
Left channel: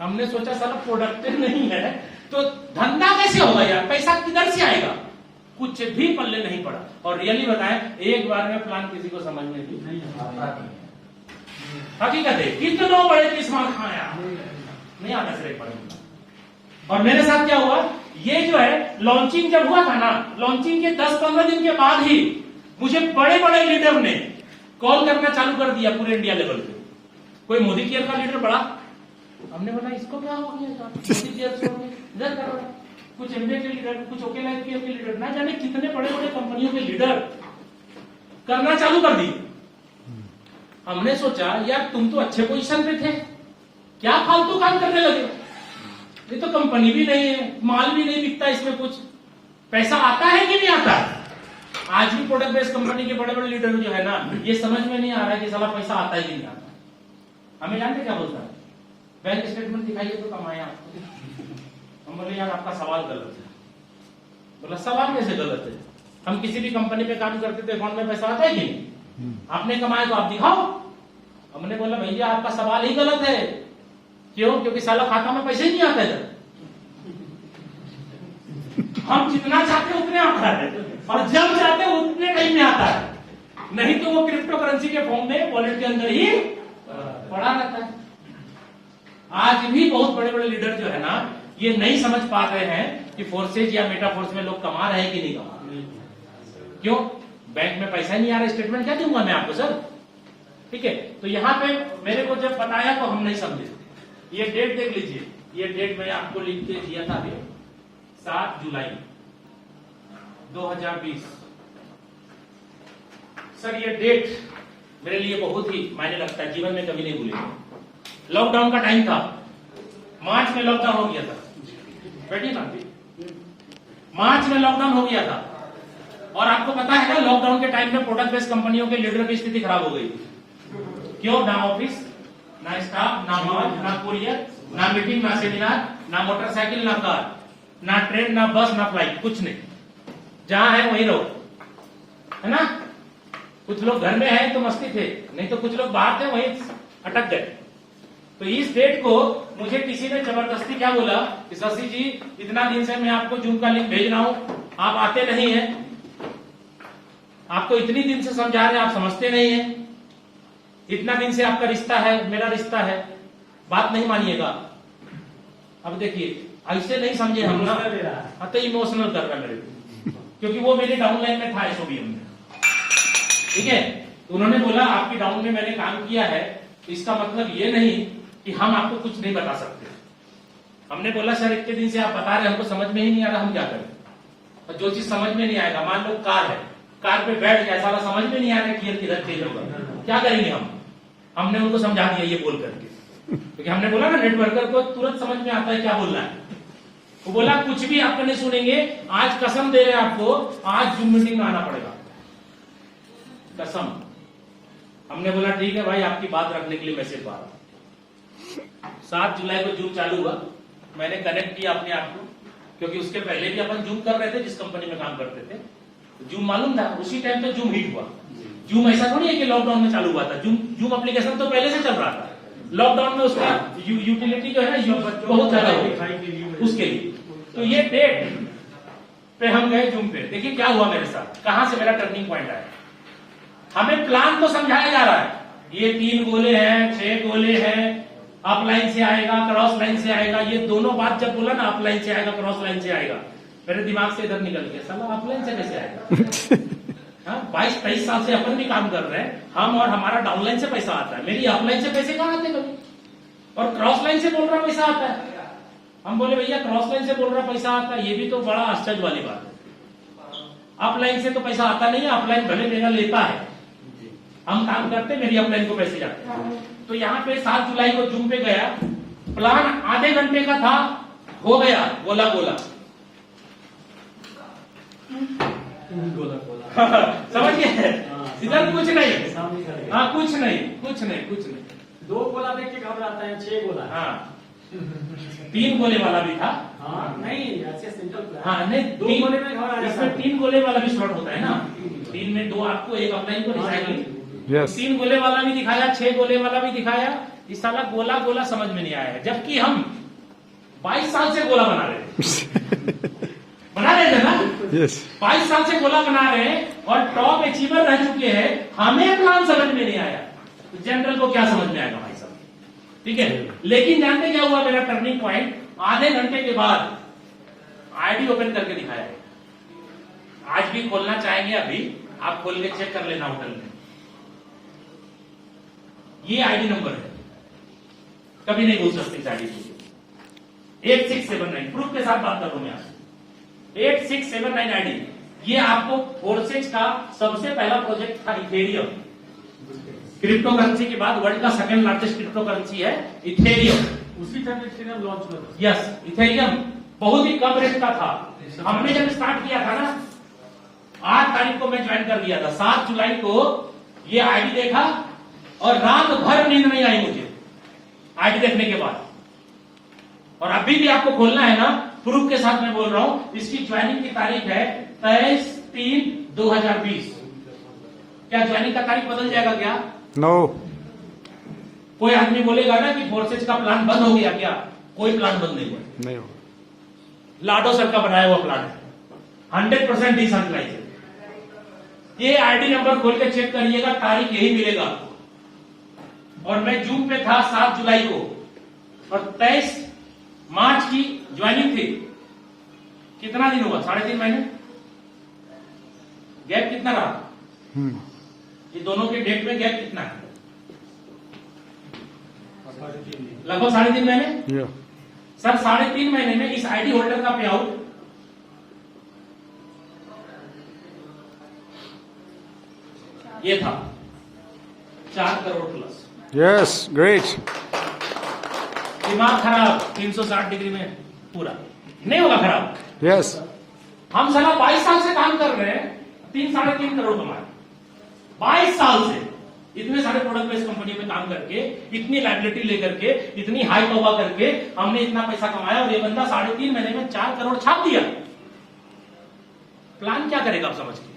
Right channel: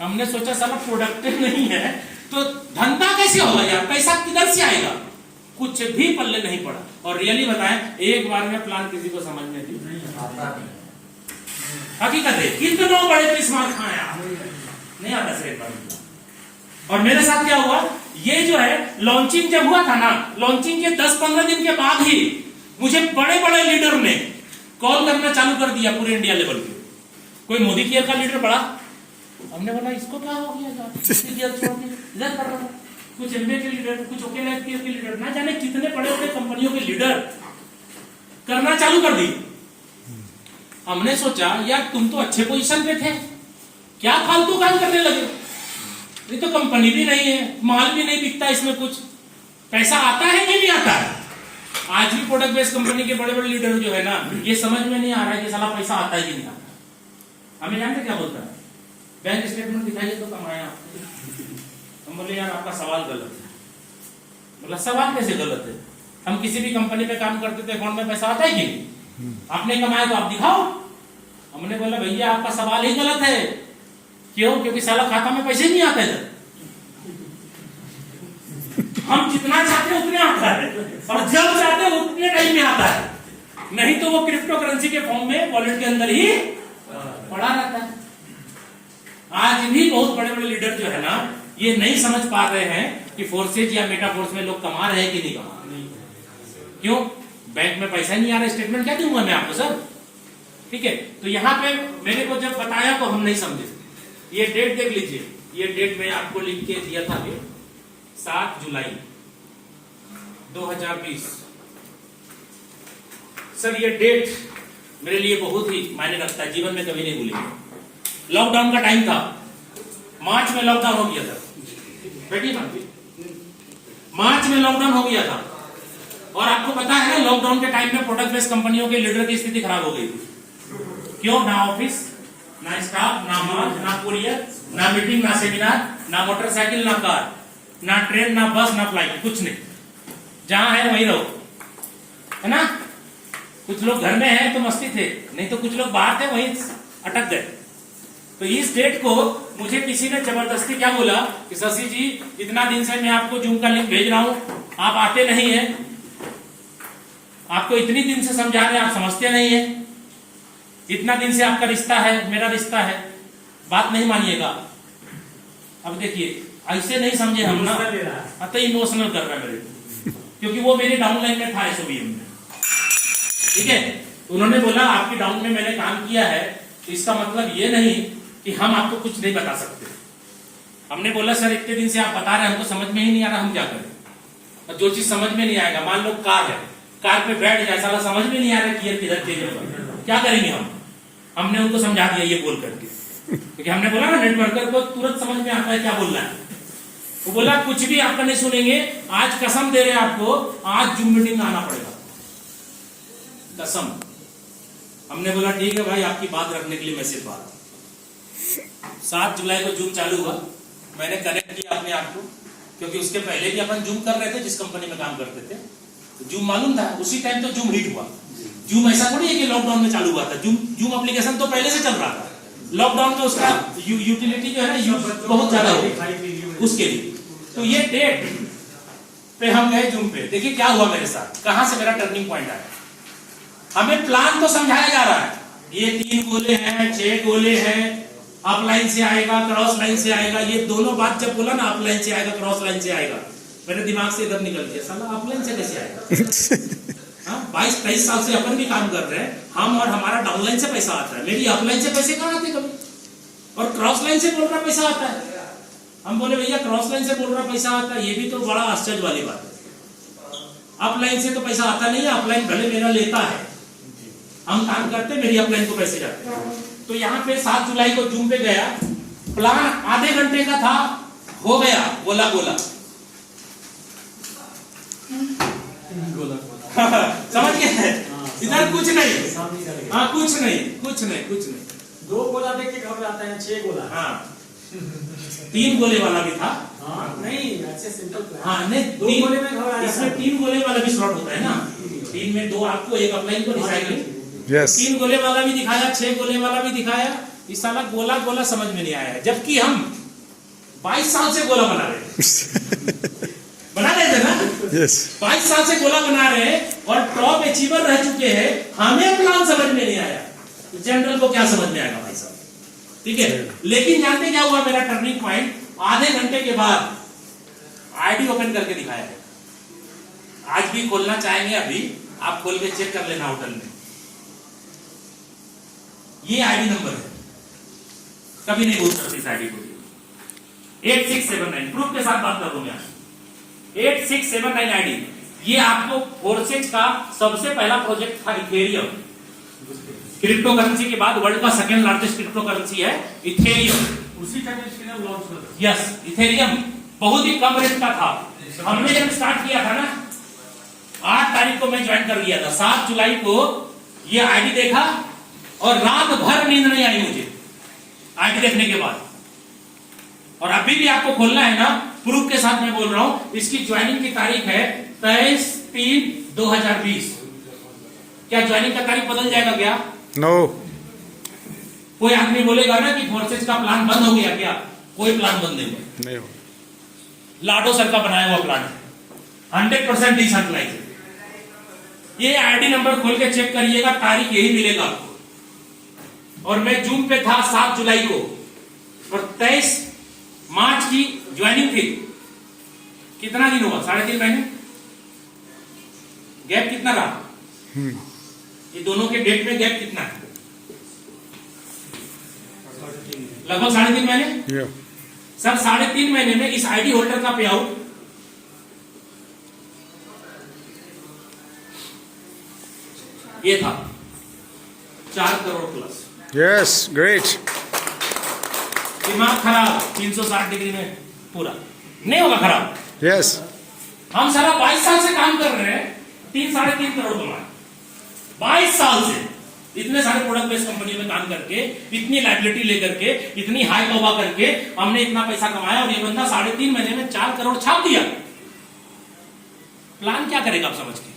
हमने सोचा साला प्रोडक्ट नहीं है तो धंधा कैसे होगा यार, पैसा किधर से आएगा, कुछ भी पल्ले नहीं पड़ा। और रियली बताएं, एक बार में प्लान किसी को समझ में नहीं आता। हकीकत है, कितनों बड़े किस्मत खाया नहीं आता सिर्फ। और मेरे साथ क्या हुआ, ये जो है लॉन्चिंग जब हुआ था ना, लॉन्चिंग के 10-15 दिन के बाद ही मुझे बड़े बड़े लीडर ने कॉल करना चालू कर दिया पूरे इंडिया लेवल पे। कोई मोदी केयर का लीडर बड़ा, हमने बोला इसको क्या हो गया, मोदी केयर छोड़ के इधर कर रहा है। कुछ एमबीए के लीडर, कुछ ओके लाइफ केयर के लीडर, ना जाने कितने बड़े बड़े कंपनियों के लीडर करना चालू कर दी। हमने सोचा यार तुम तो अच्छे पोजीशन पे थे, क्या फालतू काम करने लगे, ये तो कंपनी भी नहीं है, माल भी नहीं बिकता, इसमें कुछ पैसा आता है कि नहीं आता है। आज भी प्रोडक्ट बेस्ड कंपनी के बड़े बड़े लीडर जो है ना, ये समझ में नहीं आ रहा है कि साला पैसा आता है कि नहीं आता। हमें जानते क्या बोलता है, बैंक स्टेटमेंट दिखाइए तो कमाया। हम बोले यार आपका सवाल गलत है। बोला सवाल कैसे गलत है, हम किसी भी कंपनी पे काम करते तो अकाउंट में पैसा आता है कि नहीं, आपने कमाया तो आप दिखाओ। हमने बोला भैया आपका सवाल ही गलत है। क्यों? क्योंकि साला खाता में पैसे नहीं आते इधर, हम जितना चाहते उतने आता है, और जब चाहते उतने टाइम में आता है, नहीं तो वो क्रिप्टो करेंसी के फॉर्म में वॉलेट के अंदर ही पड़ा रहता है। आज भी बहुत बड़े बड़े लीडर जो है ना, ये नहीं समझ पा रहे हैं कि फोर्सेज या मेटा फोर्स में लोग कमा रहे हैं कि नहीं कमा रहे। क्यों? बैंक में पैसा ही नहीं आ रहा, स्टेटमेंट क्या दूंगा मैं आपको सर। ठीक है, तो यहाँ पे मेरे को जब बताया तो हम नहीं समझे। ये डेट देख लीजिए, ये डेट मैं आपको लिख के दिया था अभी, 7 जुलाई 2020। सर ये डेट मेरे लिए बहुत ही मायने रखता है, जीवन में कभी नहीं भूलेंगे। लॉकडाउन का टाइम था, मार्च में लॉकडाउन हो गया था, बैठिए ना, मार्च में लॉकडाउन हो गया था। और आपको पता है ना लॉकडाउन के टाइम में प्रोडक्ट बेस्ड कंपनियों के लीडर की स्थिति खराब हो गई थी। क्यों? ना ऑफिस, ना स्टाफ, ना माल, ना कुरियर, ना मीटिंग, ना सेमिनार, ना मोटरसाइकिल, ना कार, ना ट्रेन, ना बस, ना फ्लाइट, कुछ नहीं। जहां है वहीं रहो, है ना। कुछ लोग घर में हैं तो मस्ती थे, नहीं तो कुछ लोग बाहर थे वहीं अटक गए। तो इस डेट को मुझे किसी ने जबरदस्ती क्या बोला कि शशि जी इतना दिन से मैं आपको जूम का लिंक भेज रहा हूं, आप आते नहीं है, आपको इतनी दिन से समझा रहे हैं आप समझते नहीं है, इतना दिन से आपका रिश्ता है, मेरा रिश्ता है, बात नहीं मानिएगा। अब देखिए ऐसे नहीं समझे हम ना, तो इमोशनल कर रहा है मेरे को, क्योंकि वो मेरे डाउनलाइन में था एसओबीएम में। ठीक है, उन्होंने बोला आपकी डाउन में मैंने काम किया है, इसका मतलब ये नहीं कि हम आपको कुछ नहीं बता सकते। हमने बोला सर इतने दिन से आप बता रहे हैं, हमको समझ में ही नहीं आ रहा, हम क्या करें। और जो चीज समझ में नहीं आएगा, मान लो कार है, कार पे बैठ जाए, सारा समझ में नहीं आ रहा गियर किधर चेंज होगा, क्या करेंगे हम। हमने उनको समझा दिया ये बोल करके, क्योंकि हमने बोला ना नेटवर्कर को तुरंत समझ में आता है क्या बोल रहा है। वो बोला कुछ भी आपका नहीं सुनेंगे, आज कसम दे रहे हैं आपको, आज जूम मीटिंग में आना पड़ेगा। कसम। हमने बोला ठीक है भाई, आपकी बात रखने के लिए मैं सिर्फ आ रहा हूं। 7 जुलाई को जूम चालू हुआ, मैंने कनेक्ट किया अपने आप को, क्योंकि उसके पहले भी अपन जूम कर रहे थे जिस कंपनी में काम करते थे, तो जूम मालूम था। उसी टाइम तो जूम हिट हुआ। जूम ऐसा थोड़ी है कि लॉकडाउन में चालू हुआ था, जूम एप्लीकेशन तो पहले से चल रहा था। लॉकडाउन में उसका यूटिलिटी जो है ना बहुत ज्यादा हो उसके लिए। तो ये डेट पे हम गए जूम पे। देखिए क्या हुआ मेरे साथ, कहां से मेरा टर्निंग पॉइंट आया। हमें प्लान तो समझाया जा रहा है, ये 3 गोले हैं, 6 गोले हैं, अप लाइन से आएगा, क्रॉस लाइन से आएगा। ये दोनों बात जब बोला ना, अप लाइन से आएगा, क्रॉस लाइन से आएगा, मेरे दिमाग से इधर निकल गया, साला अप लाइन से कैसे आएगा। 22-23 साल से अपन भी काम कर रहे हैं हम, और हमारा डाउनलाइन से पैसा आता है, मेरी अपलाइन से पैसे कहाँ आते कभी, और क्रॉस लाइन से बोल रहा पैसा आता है। हम बोले भैया क्रॉस लाइन से बोल रहा पैसा आता है, ये भी तो बड़ा आश्चर्य वाली बात है। अपलाइन से तो पैसा आता नहीं है, अपलाइन भले मेरा लेता है, हम काम करते, मेरी अपलाइन को पैसे जाते। तो यहाँ पे 7 जुलाई को जूम पे गया, प्लान आधे घंटे का था, हो गया गोला गोला। समझ गए, इधर कुछ नहीं, हाँ कुछ नहीं। 2 गोला देख के घबराता है, 6 गोला। हाँ 3 गोले वाला भी था। हाँ नहीं, ऐसे सिंपल प्लान। हाँ नहीं, 2 गोले में घबरा, इसमें 3 गोले वाला भी स्लॉट होता है ना, 3 में 2 आपको, 1 अपलाइन को दिखाएंगे। यस 3 गोले वाला भी दिखाया, 6 गोले वाला भी दिखाया। इस साला गोला गोला समझ में नहीं आया है, जबकि हम 22 साल से गोला बना रहे थे। बना रहे थे ना, यस 22 साल से गोला बना रहे हैं और टॉप अचीवर रह चुके हैं, हमें प्लान समझ में नहीं आया, तो जनरल को क्या समझ में आएगा भाई साहब। ठीक है, लेकिन जानते क्या हुआ मेरा टर्निंग पॉइंट, आधे घंटे के बाद आईडी ओपन करके दिखाया है। आज भी खोलना चाहेंगे, अभी आप खोल के चेक कर लेना होटल में, ये आईडी नंबर है, कभी नहीं भूल सकते इस आईडी को। 8679 प्रूफ के साथ बात कर रहा हूं मैं आज। 8679 आईडी, ये आपको फोर्सेज का सबसे पहला प्रोजेक्ट था इथेरियम। क्रिप्टो करेंसी के बाद वर्ल्ड का सेकंड लार्जेस्ट क्रिप्टो करेंसी है इथेरियम। उसी टाइम इथेरियम लॉन्च हुआ था। यस, इथेरियम बहुत ही कम रेट का था। हमने जब स्टार्ट किया था ना, 8 तारीख को मैं ज्वाइन कर लिया था, 7 जुलाई को ये आईडी देखा और रात भर नींद नहीं आई मुझे आईडी देखने के बाद। और अभी भी आपको खोलना है ना, प्रूफ के साथ मैं बोल रहा हूं, इसकी ज्वाइनिंग की तारीख है 23/3/2020। क्या ज्वाइनिंग का तारीख बदल जाएगा क्या? नो कोई आदमी बोलेगा ना कि फोर्सेज का प्लान बंद हो गया क्या? कोई प्लान बंद नहीं हुआ, नहीं हो लाडो सर का बनाया हुआ प्लान है, 100% डिसेंट्रलाइज। ये आईडी नंबर खोल के चेक करिएगा, तारीख यही मिलेगा आपको। और मैं जून पे था 7 जुलाई को, और 23 मार्च की ज्वाइनिंग थी। कितना दिन हुआ? 3.5 महीने। गैप कितना रहा? ये दोनों के डेट में गैप कितना है? लगभग 3.5 महीने। या सर 3.5 महीने में इस आईडी होल्डर का पे आउट ये था 4 करोड़ प्लस। यस ग्रेट दिमाग खराब 360 डिग्री में पूरा नहीं होगा खराब। यस हम साला 22 साल से काम कर रहे हैं, 3-3.5 करोड़ कमाए 22 साल से। इतने सारे प्रोडक्ट बेस्ड कंपनी में काम करके, इतनी लाइबिलिटी लेकर के, इतनी हाई तौबा करके हमने इतना पैसा कमाया, और ये बंदा 3.5 महीने में 4 करोड़ छाप दिया। प्लान क्या करेगा आप समझ के?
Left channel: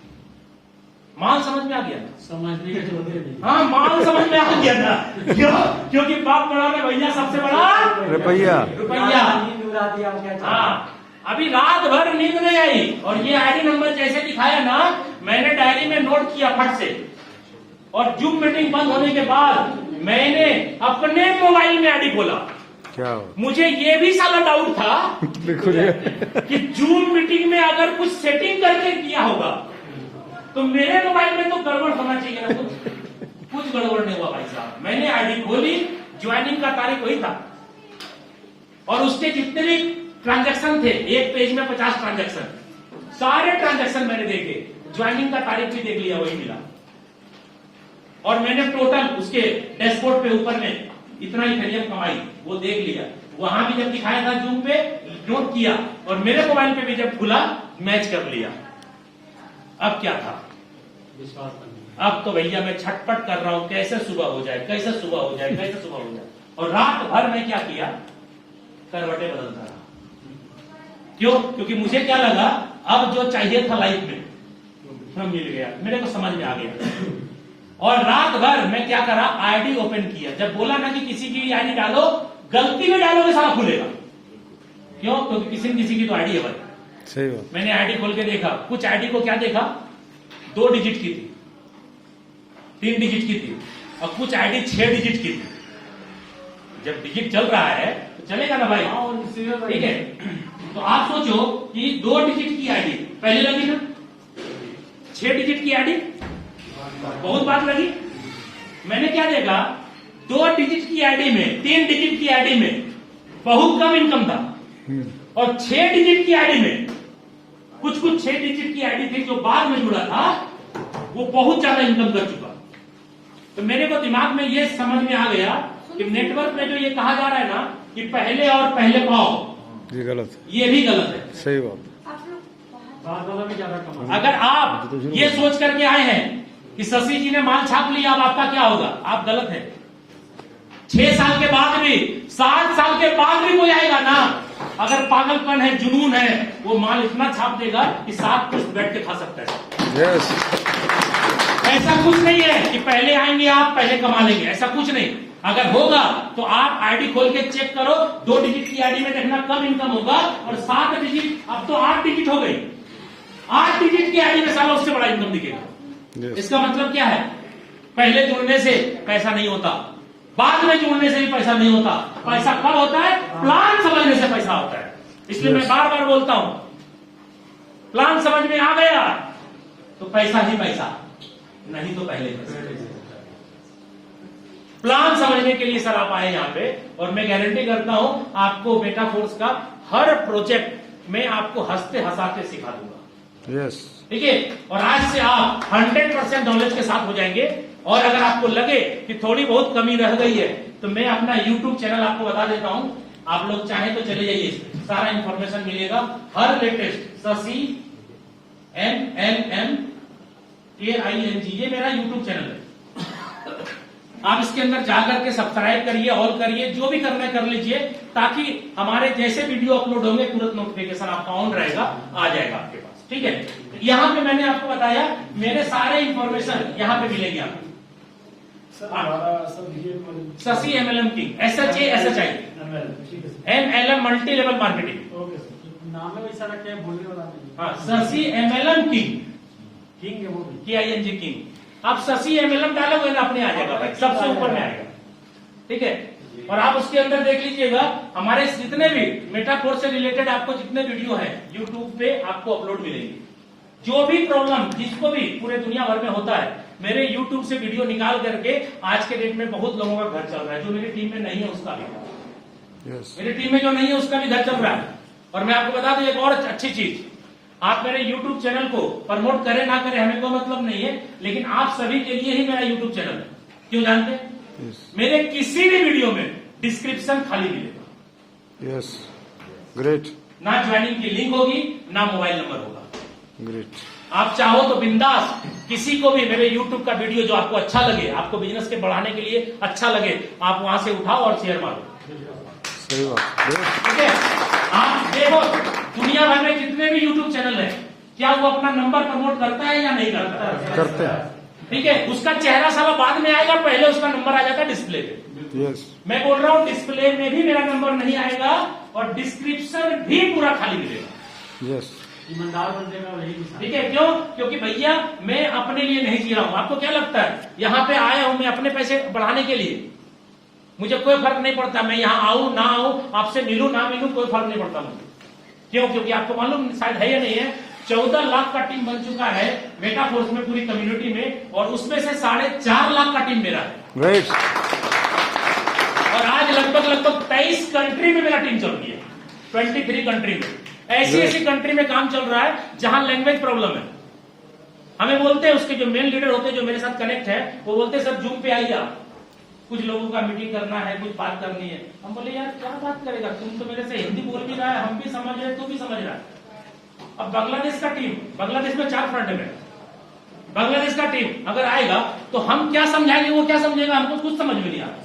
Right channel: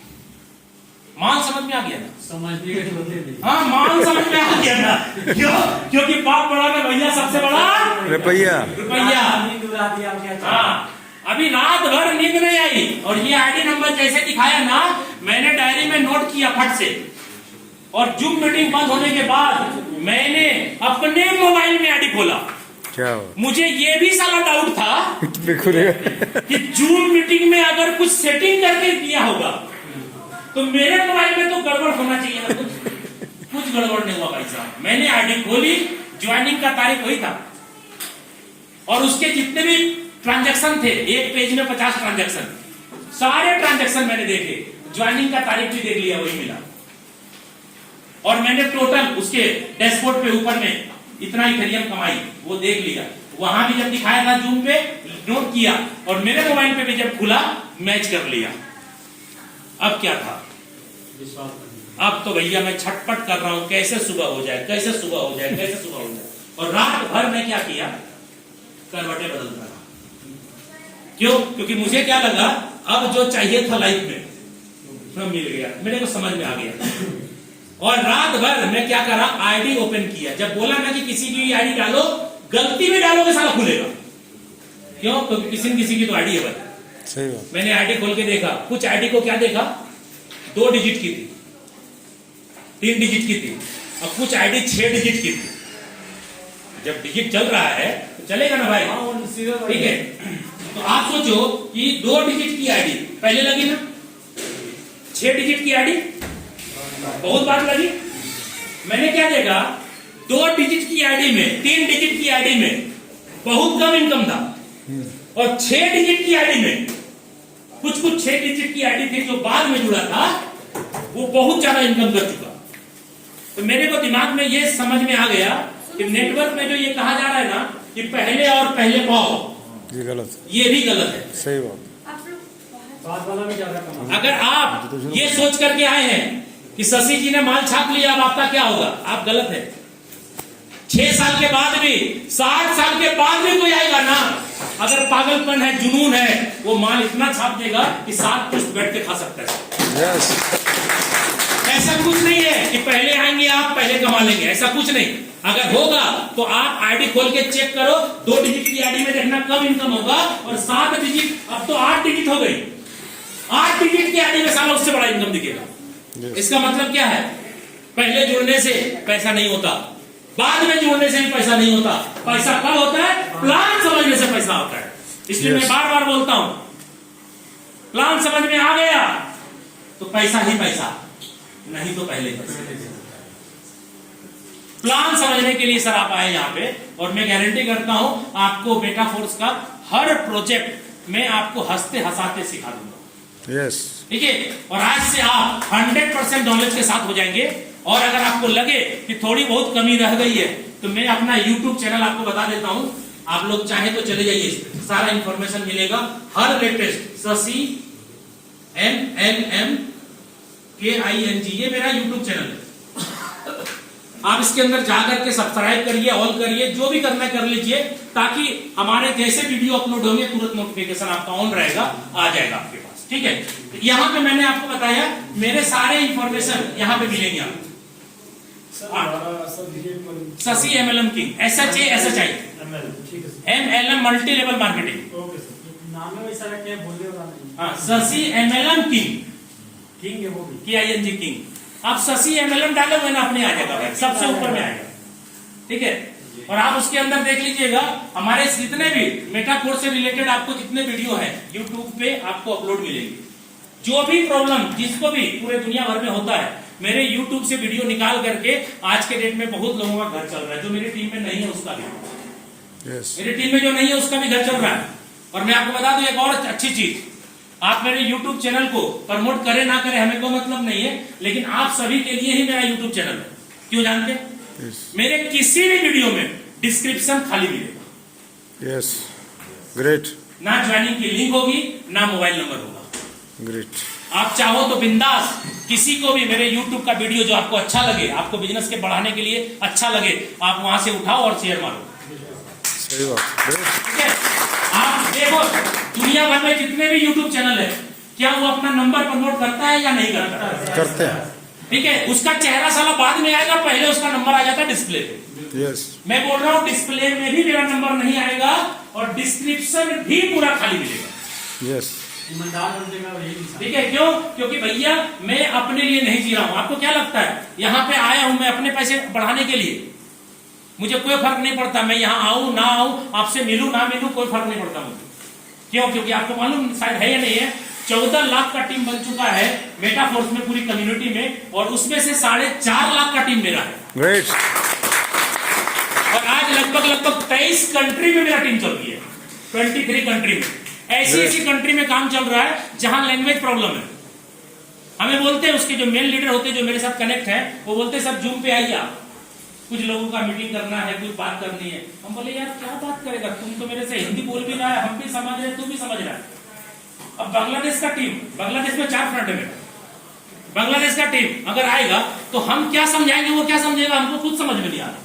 माल समझ में आ गया ना? समझने के लिए हाँ माल समझ में आ गया ना, क्योंकि बाप बड़ा ना भैया सबसे बड़ा रुपया रुपया। नींद उड़ा दिया हो गया। हाँ अभी रात भर नींद नहीं आई, और ये आईडी नंबर जैसे दिखाया ना, मैंने डायरी में नोट किया फट से, और जूम मीटिंग बंद होने के बाद मैंने अपने मोबाइल में आईडी खोला। क्या हो मुझे ये भी साला डाउट था बिल्कुल कि जूम मीटिंग में अगर कुछ सेटिंग करके किया होगा तो मेरे मोबाइल में तो गड़बड़ होना चाहिए ना। कुछ गड़बड़ नहीं हुआ भाई साहब। मैंने आईडी खोली, ज्वाइनिंग का तारीख वही था, और उसके जितने भी ट्रांजैक्शन थे, एक पेज में 50 ट्रांजैक्शन, सारे ट्रांजैक्शन मैंने देखे, ज्वाइनिंग का तारीख भी देख लिया, वही मिला। और मैंने टोटल उसके डैशबोर्ड पे ऊपर में इतना इथेरियम कमाई वो देख लिया। वहां भी जब दिखाया था जूम पे नोट किया, और मेरे मोबाइल पे भी जब खुला मैच कर लिया। अब क्या था? विश्वास अब तो भैया मैं छटपट कर रहा हूं, कैसे सुबह हो जाए, कैसे सुबह हो जाए, कैसे सुबह हो जाए। और रात भर में क्या किया, करवटें बदलता रहा। क्यों? क्योंकि मुझे क्या लगा, अब जो चाहिए था लाइफ में सब मिल गया, मेरे को समझ में आ गया। और रात भर मैं क्या करा, आईडी ओपन किया। जब बोला ना कि किसी की भी आईडी डालो, गलती में डालोगे साला खुलेगा। क्यों? क्योंकि किसी न किसी की तो आईडी है भाई। सही बात। मैंने आईडी खोल के देखा, कुछ आईडी को क्या देखा, 2 डिजिट की थी, 3 डिजिट की थी, और कुछ आईडी 6 डिजिट की थी। जब डिजिट चल रहा है तो चलेगा ना भाई, ठीक है। तो आप सोचो कि 2 डिजिट की आईडी पहले लगी ना, 6 डिजिट की आईडी बहुत बात लगी। मैंने क्या देखा, 2 डिजिट की आईडी में, 3 डिजिट की आईडी में बहुत कम इनकम था, और 6 डिजिट की आईडी में कुछ 6 डिजिट की आईडी थी जो बाद में जुड़ा था, वो बहुत ज्यादा इनकम कर चुका। तो मेरे को दिमाग में ये समझ में आ गया कि नेटवर्क में जो ये कहा जा रहा है ना कि पहले और पहले पाओ, ये गलत, ये भी गलत है। सही बात। बाद वाला भी ज्यादा कमा। अगर आप ये सोच करके आए हैं कि शशि जी ने माल छाप लिया, अब आपका क्या होगा, आप गलत है। 6 साल के बाद भी, 60 साल के बाद भी कोई आएगा ना, अगर पागलपन है, जुनून है, वो माल इतना छाप देगा कि 7 पुश्त बैठ के खा सकता है। यस, ऐसा कुछ नहीं है कि पहले आएंगे आप पहले कमा लेंगे, ऐसा कुछ नहीं। अगर होगा तो आप आईडी खोल के चेक करो, 2 डिजिट की आईडी में देखना कम इनकम होगा, और 7 डिजिट, अब तो 8 डिजिट हो गई, 8 डिजिट की आईडी में साला उससे बड़ा इनकम दिखेगा। इसका मतलब क्या है, पहले जुड़ने से पैसा नहीं होता, बाद में जुड़ने से भी पैसा नहीं होता। पैसा कब होता है, प्लान समझने से पैसा होता है। इसलिए मैं बार बार बोलता हूं, प्लान समझ में आ गया तो पैसा ही पैसा, नहीं तो पहले प्लान समझने के लिए सर आप आए यहाँ पे, और मैं गारंटी करता हूं आपको बेटा फोर्स का हर प्रोजेक्ट में आपको हंसते हंसाते सिखा दूंगा। यस, ठीक है। और आज से आप 100% नॉलेज के साथ हो जाएंगे। और अगर आपको लगे कि थोड़ी बहुत कमी रह गई है, तो मैं अपना YouTube चैनल आपको बता देता हूं, आप लोग चाहे तो चले जाइए, सारा इंफॉर्मेशन मिलेगा, हर लेटेस्ट शशि MLM KING, ये मेरा YouTube चैनल है। आप इसके अंदर जाकर के सब्सक्राइब करिए, ऑल करिए, जो भी करना है कर लीजिए, ताकि हमारे जैसे वीडियो अपलोड होंगे तुरंत नोटिफिकेशन आपका ऑन रहेगा, आ जाएगा आपके पास। ठीक है। यहाँ पे मैंने आपको बताया, मेरे सारे इंफॉर्मेशन यहाँ पे मिलेंगे आपको। Shashi MLM king, SHI MLM multi level marketing. नाम है वैसा क्या बोलिए वाला नहीं। हाँ, शशि MLM किंग, किंग है वो भी। KING king. आप शशि MLM डालोगे ना, अपने आ जाएगा भाई, सबसे ऊपर में आएगा। ठीक है। और आप उसके अंदर देख लीजिएगा, हमारे जितने भी मेटाकोर्स से रिलेटेड आपको जितने वीडियो है यूट्यूब पे आपको अपलोड मिलेगी। जो भी प्रॉब्लम जिसको भी पूरे दुनिया भर में होता है, मेरे यूट्यूब से वीडियो निकाल करके आज के डेट में बहुत लोगों का घर चल रहा है। जो मेरी टीम में नहीं है उसका भी, मेरी टीम में जो नहीं है उसका भी घर चल रहा है। और मैं आपको बता दूं एक और अच्छी चीज, आप मेरे YouTube चैनल को प्रमोट करें ना करें हमें कोई मतलब नहीं है, लेकिन आप सभी के लिए ही मेरा YouTube चैनल है। क्यों जानते हैं? मेरे किसी भी वीडियो में डिस्क्रिप्शन खाली मिलेगा। यस, ग्रेट, ना ज्वाइनिंग की लिंक होगी, ना मोबाइल नंबर होगा। ग्रेट। आप चाहो तो बिंदास किसी को भी मेरे YouTube का वीडियो जो आपको अच्छा लगे, आपको बिजनेस के बढ़ाने के लिए अच्छा लगे, आप वहां से उठाओ और शेयर मारो। सही बात, ग्रेट। ठीक है। आप देखो दुनिया भर में जितने भी YouTube चैनल है, क्या वो अपना नंबर प्रमोट करता है या नहीं करता है? करते हैं। ठीक है। उसका चेहरा साला बाद में आएगा, पहले उसका नंबर आ जाता है डिस्प्ले पे। यस, मैं बोल रहा हूँ डिस्प्ले में भी मेरा नंबर नहीं आएगा, और डिस्क्रिप्शन भी पूरा खाली मिलेगा। यस, ईमानदार बंदेगा वही इंसान। ठीक है। क्यों? क्योंकि भैया मैं अपने लिए नहीं जी रहा हूं। आपको क्या लगता है, यहाँ पे आया हूं मैं अपने पैसे बढ़ाने के लिए, मुझे कोई फर्क नहीं पड़ता, मैं यहाँ आऊं ना आऊं, आपसे मिलूं ना मिलूं, कोई फर्क नहीं पड़ता मुझे। क्यों? क्योंकि आपको मालूम शायद है या नहीं है, 14 लाख का टीम बन चुका है मेटाफोर्स में पूरी कम्युनिटी में, और उसमें से 4.5 लाख का टीम मेरा है। ग्रेट। और आज लगभग 23 कंट्री में मेरा टीम चल रही है, 23 कंट्री में। ऐसी कंट्री में काम चल रहा है जहां लैंग्वेज प्रॉब्लम है। हमें बोलते हैं, उसके जो मेन लीडर होते हैं जो मेरे साथ कनेक्ट है, वो बोलते हैं सर जूम पे आइए आप, कुछ लोगों का मीटिंग करना है, कुछ बात करनी है। हम बोले यार क्या बात करेगा, तुम तो मेरे से हिंदी बोल भी रहा है, हम भी समझ रहे, तू भी समझ रहा है। अब बांग्लादेश का टीम, बांग्लादेश में 4 फ्रंट है मेरा, बांग्लादेश का टीम अगर आएगा तो हम क्या समझाएंगे, वो क्या समझेगा, हमको खुद समझ में नहीं आ रहा।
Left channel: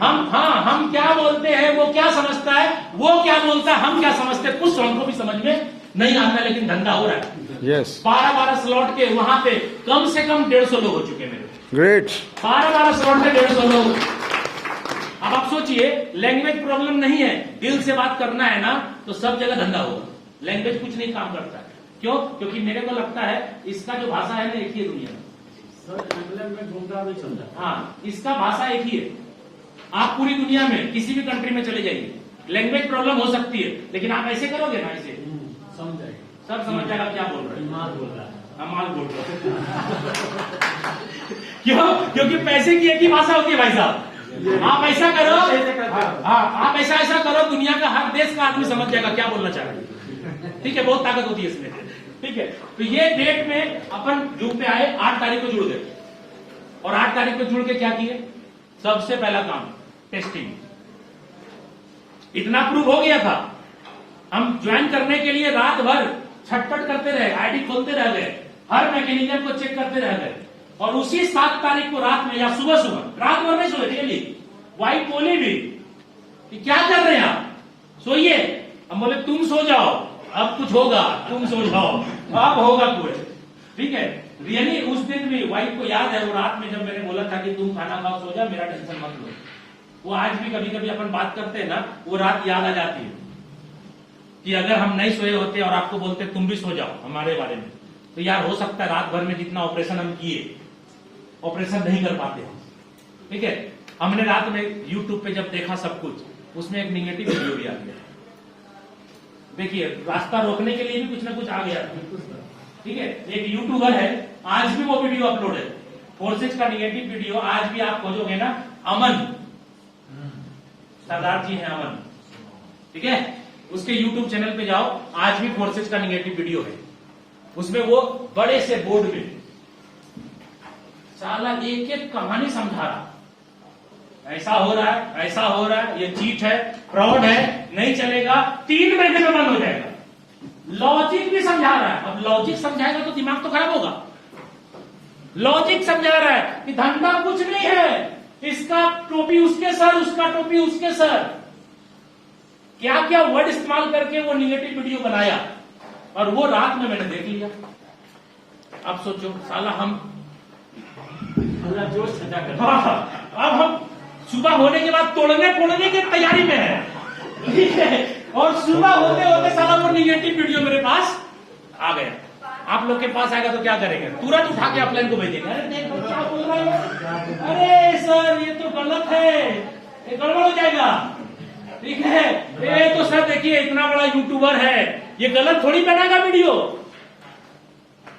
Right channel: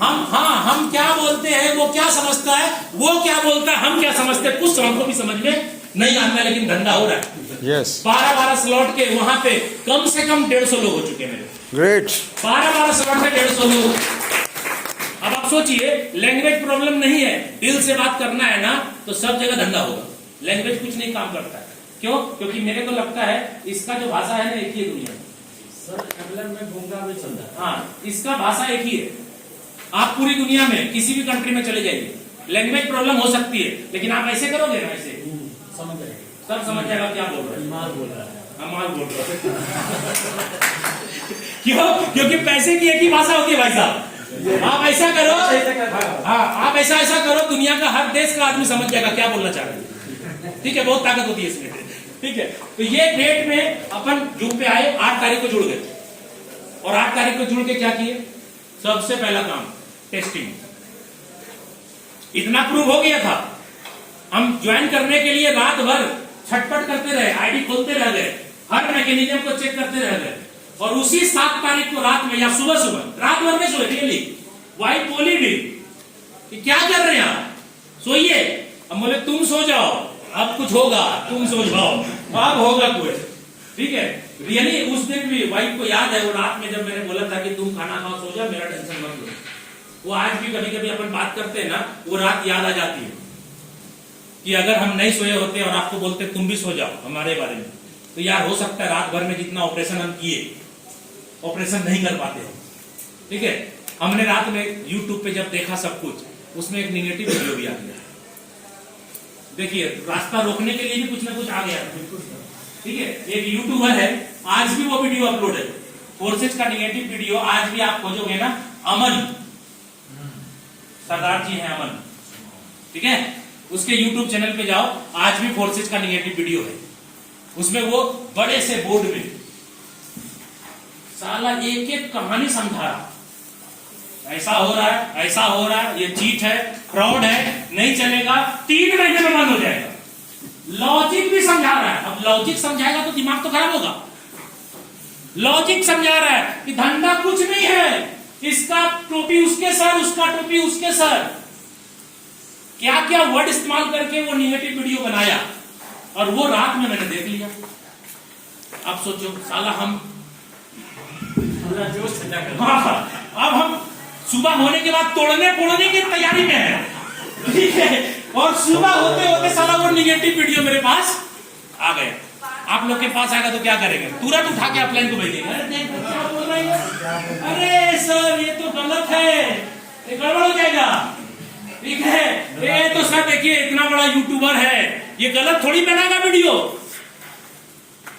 हम क्या बोलते हैं, वो क्या समझता है, वो क्या बोलता है, हम क्या समझते हैं, कुछ हमको भी समझ में नहीं आता, लेकिन धंधा हो रहा है। यस 12 स्लॉट के वहां पे कम से कम 150 लोग हो चुके मेरे। ग्रेट 12 स्लॉट में 150 लोग। अब आप सोचिए, लैंग्वेज प्रॉब्लम नहीं है, दिल से बात करना है ना, तो सब जगह धंधा होगा। लैंग्वेज कुछ नहीं काम करता है। क्यों? क्योंकि मेरे को लगता है इसका जो भाषा है ना, एक ही है दुनिया में। सर इंग्लैंड में घूमता भी चलता है। हाँ, इसका भाषा एक ही है। आप पूरी दुनिया में किसी भी कंट्री में चले जाइए, लैंग्वेज प्रॉब्लम हो सकती है, लेकिन आप ऐसे करोगे ना, ऐसे समझ जाएगी, सब समझ जाएगा क्या बोल रहे हैं। माल बोल रहा है। हम माल बोल रहे हैं। क्यों? क्योंकि पैसे की एक ही भाषा होती है भाई साहब। आप ऐसा करो, हाँ आप ऐसा करो, दुनिया का हर देश का आदमी समझ जाएगा क्या बोलना चाह रहे हैं। ठीक है, बहुत ताकत होती है इसमें। ठीक है, तो ये डेट में अपन जूम पे आए, 8 तारीख को जुड़ गए, और 8 तारीख को जुड़ के क्या किए, सबसे पहला काम टेस्टिंग। इतना प्रूव हो गया था, हम ज्वाइन करने के लिए रात भर छटपट करते रहे, आईडी खोलते रह गए, हर मैकेनिज्म को चेक करते रह गए, और उसी 7 तारीख को रात में या सुबह रात भर में सोए, रियली वाइफ बोली भी कि क्या कर रहे हैं आप, सोइए। हम बोले तुम सो जाओ, अब कुछ होगा, तुम सो जाओ, अब होगा कुछ। ठीक है, रियली उस दिन भी वाइफ को याद है, वो रात में जब मैंने बोला था कि तुम खाना खाओ, सो जाओ, मेरा टेंशन मत लो, वो आज भी कभी कभी अपन बात करते हैं ना, वो रात याद आ जाती है कि अगर हम नहीं सोए होते और आपको बोलते तुम भी सो जाओ हमारे बारे में, तो यार हो सकता है रात भर में जितना ऑपरेशन हम किए, ऑपरेशन नहीं कर पाते हम। ठीक है, हमने रात में यूट्यूब पे जब देखा सब कुछ, उसमें एक निगेटिव वीडियो भी आ गया। देखिए, रास्ता रोकने के लिए भी कुछ ना कुछ आ गया। ठीक है, एक यूट्यूबर है, आज भी वो वीडियो अपलोड है, फोर्सेज का निगेटिव वीडियो। आज भी आप खोजोगे ना, अमन सरदार जी हैं, अमन, ठीक है, उसके यूट्यूब चैनल पे जाओ, आज भी फोर्सेज का निगेटिव वीडियो है। उसमें वो बड़े से बोर्ड में साला एक एक कहानी समझा रहा, ऐसा हो रहा है, ऐसा हो रहा है, ये चीट है, फ्रॉड है, नहीं चलेगा, 3 महीने में बंद हो जाएगा। लॉजिक भी समझा रहा है। अब लॉजिक समझाएगा तो दिमाग तो खराब होगा। लॉजिक समझा रहा है कि धंधा कुछ नहीं है, इसका टोपी उसके सर, उसका टोपी उसके सर, क्या क्या वर्ड इस्तेमाल करके वो निगेटिव वीडियो बनाया, और वो रात में मैंने देख लिया। अब सोचो साला हम जोश ठंडा कर। हाँ, अब हम सुबह होने के बाद तोड़ने की तैयारी में है। ठीक है, और सुबह होते होते साला वो निगेटिव वीडियो मेरे पास आ गया। आप लोग के पास आएगा तो क्या करेंगे, तुरंत उठा के अपलाइन को भेजेंगे, अरे देखो क्या बोल रहा है, अरे सर ये तो गलत है, ये गड़बड़ हो जाएगा। ठीक है, ये तो सर देखिए इतना बड़ा यूट्यूबर है, ये गलत थोड़ी बनाएगा वीडियो,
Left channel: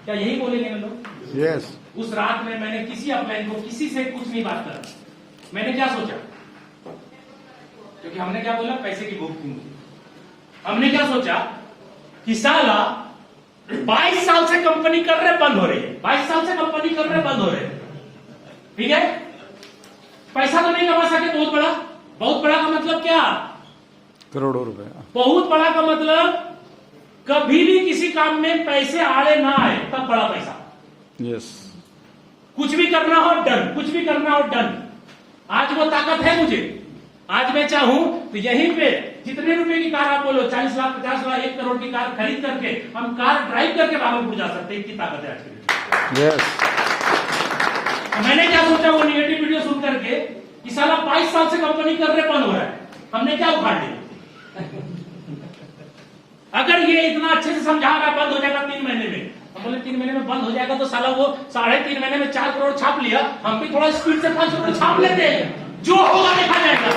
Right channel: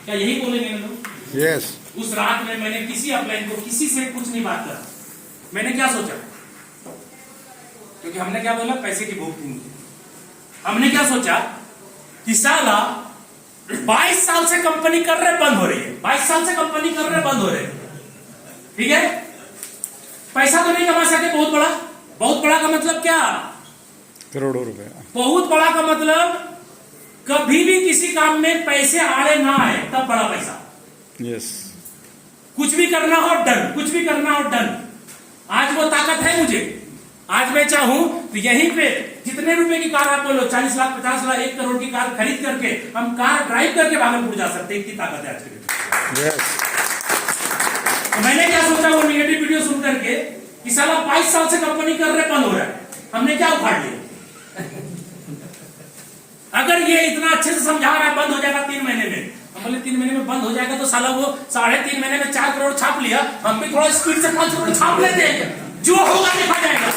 क्या यही बोलेंगे ना लोग? यस उस रात में मैंने किसी अपलाइन को किसी से कुछ नहीं बात करा। मैंने क्या सोचा, क्योंकि हमने क्या बोला, पैसे की भूख थी मुझे। हमने क्या सोचा कि साला 22 साल से कंपनी कर रहे बंद हो रही है, 22 साल से कंपनी कर रहे बंद हो रहे, ठीक है, पैसा तो नहीं कमा सके, बहुत बड़ा का मतलब क्या, करोड़ों रुपए। बहुत बड़ा का मतलब कभी भी किसी काम में पैसे आड़े ना आए, तब बड़ा पैसा। यस कुछ भी करना हो डन, कुछ भी करना हो डन। आज वो ताकत है मुझे, आज मैं चाहूं तो यहीं पे जितने रुपए की कार आप बोलो, 40 लाख 50 लाख 1 करोड़ की कार खरीद करके हम कार ड्राइव करके भागलपुर जा सकते हैं, इतनी ताकत है आज के दिन। यस तो मैंने क्या सोचा, वो निगेटिव वीडियो सुन करके कि साला 22 साल से कंपनी कर रहे बंद हो रहा है, हमने क्या उखाड़ लिया। अगर ये इतना अच्छे से समझा रहा है बंद हो जाएगा 3 महीने में, हम बोले 3 महीने में बंद हो जाएगा तो साला वो 3.5 महीने में 4 करोड़ छाप लिया, हम भी थोड़ा स्पीड से 5 करोड़ छाप लेते हैं, जो होगा देखा जाएगा।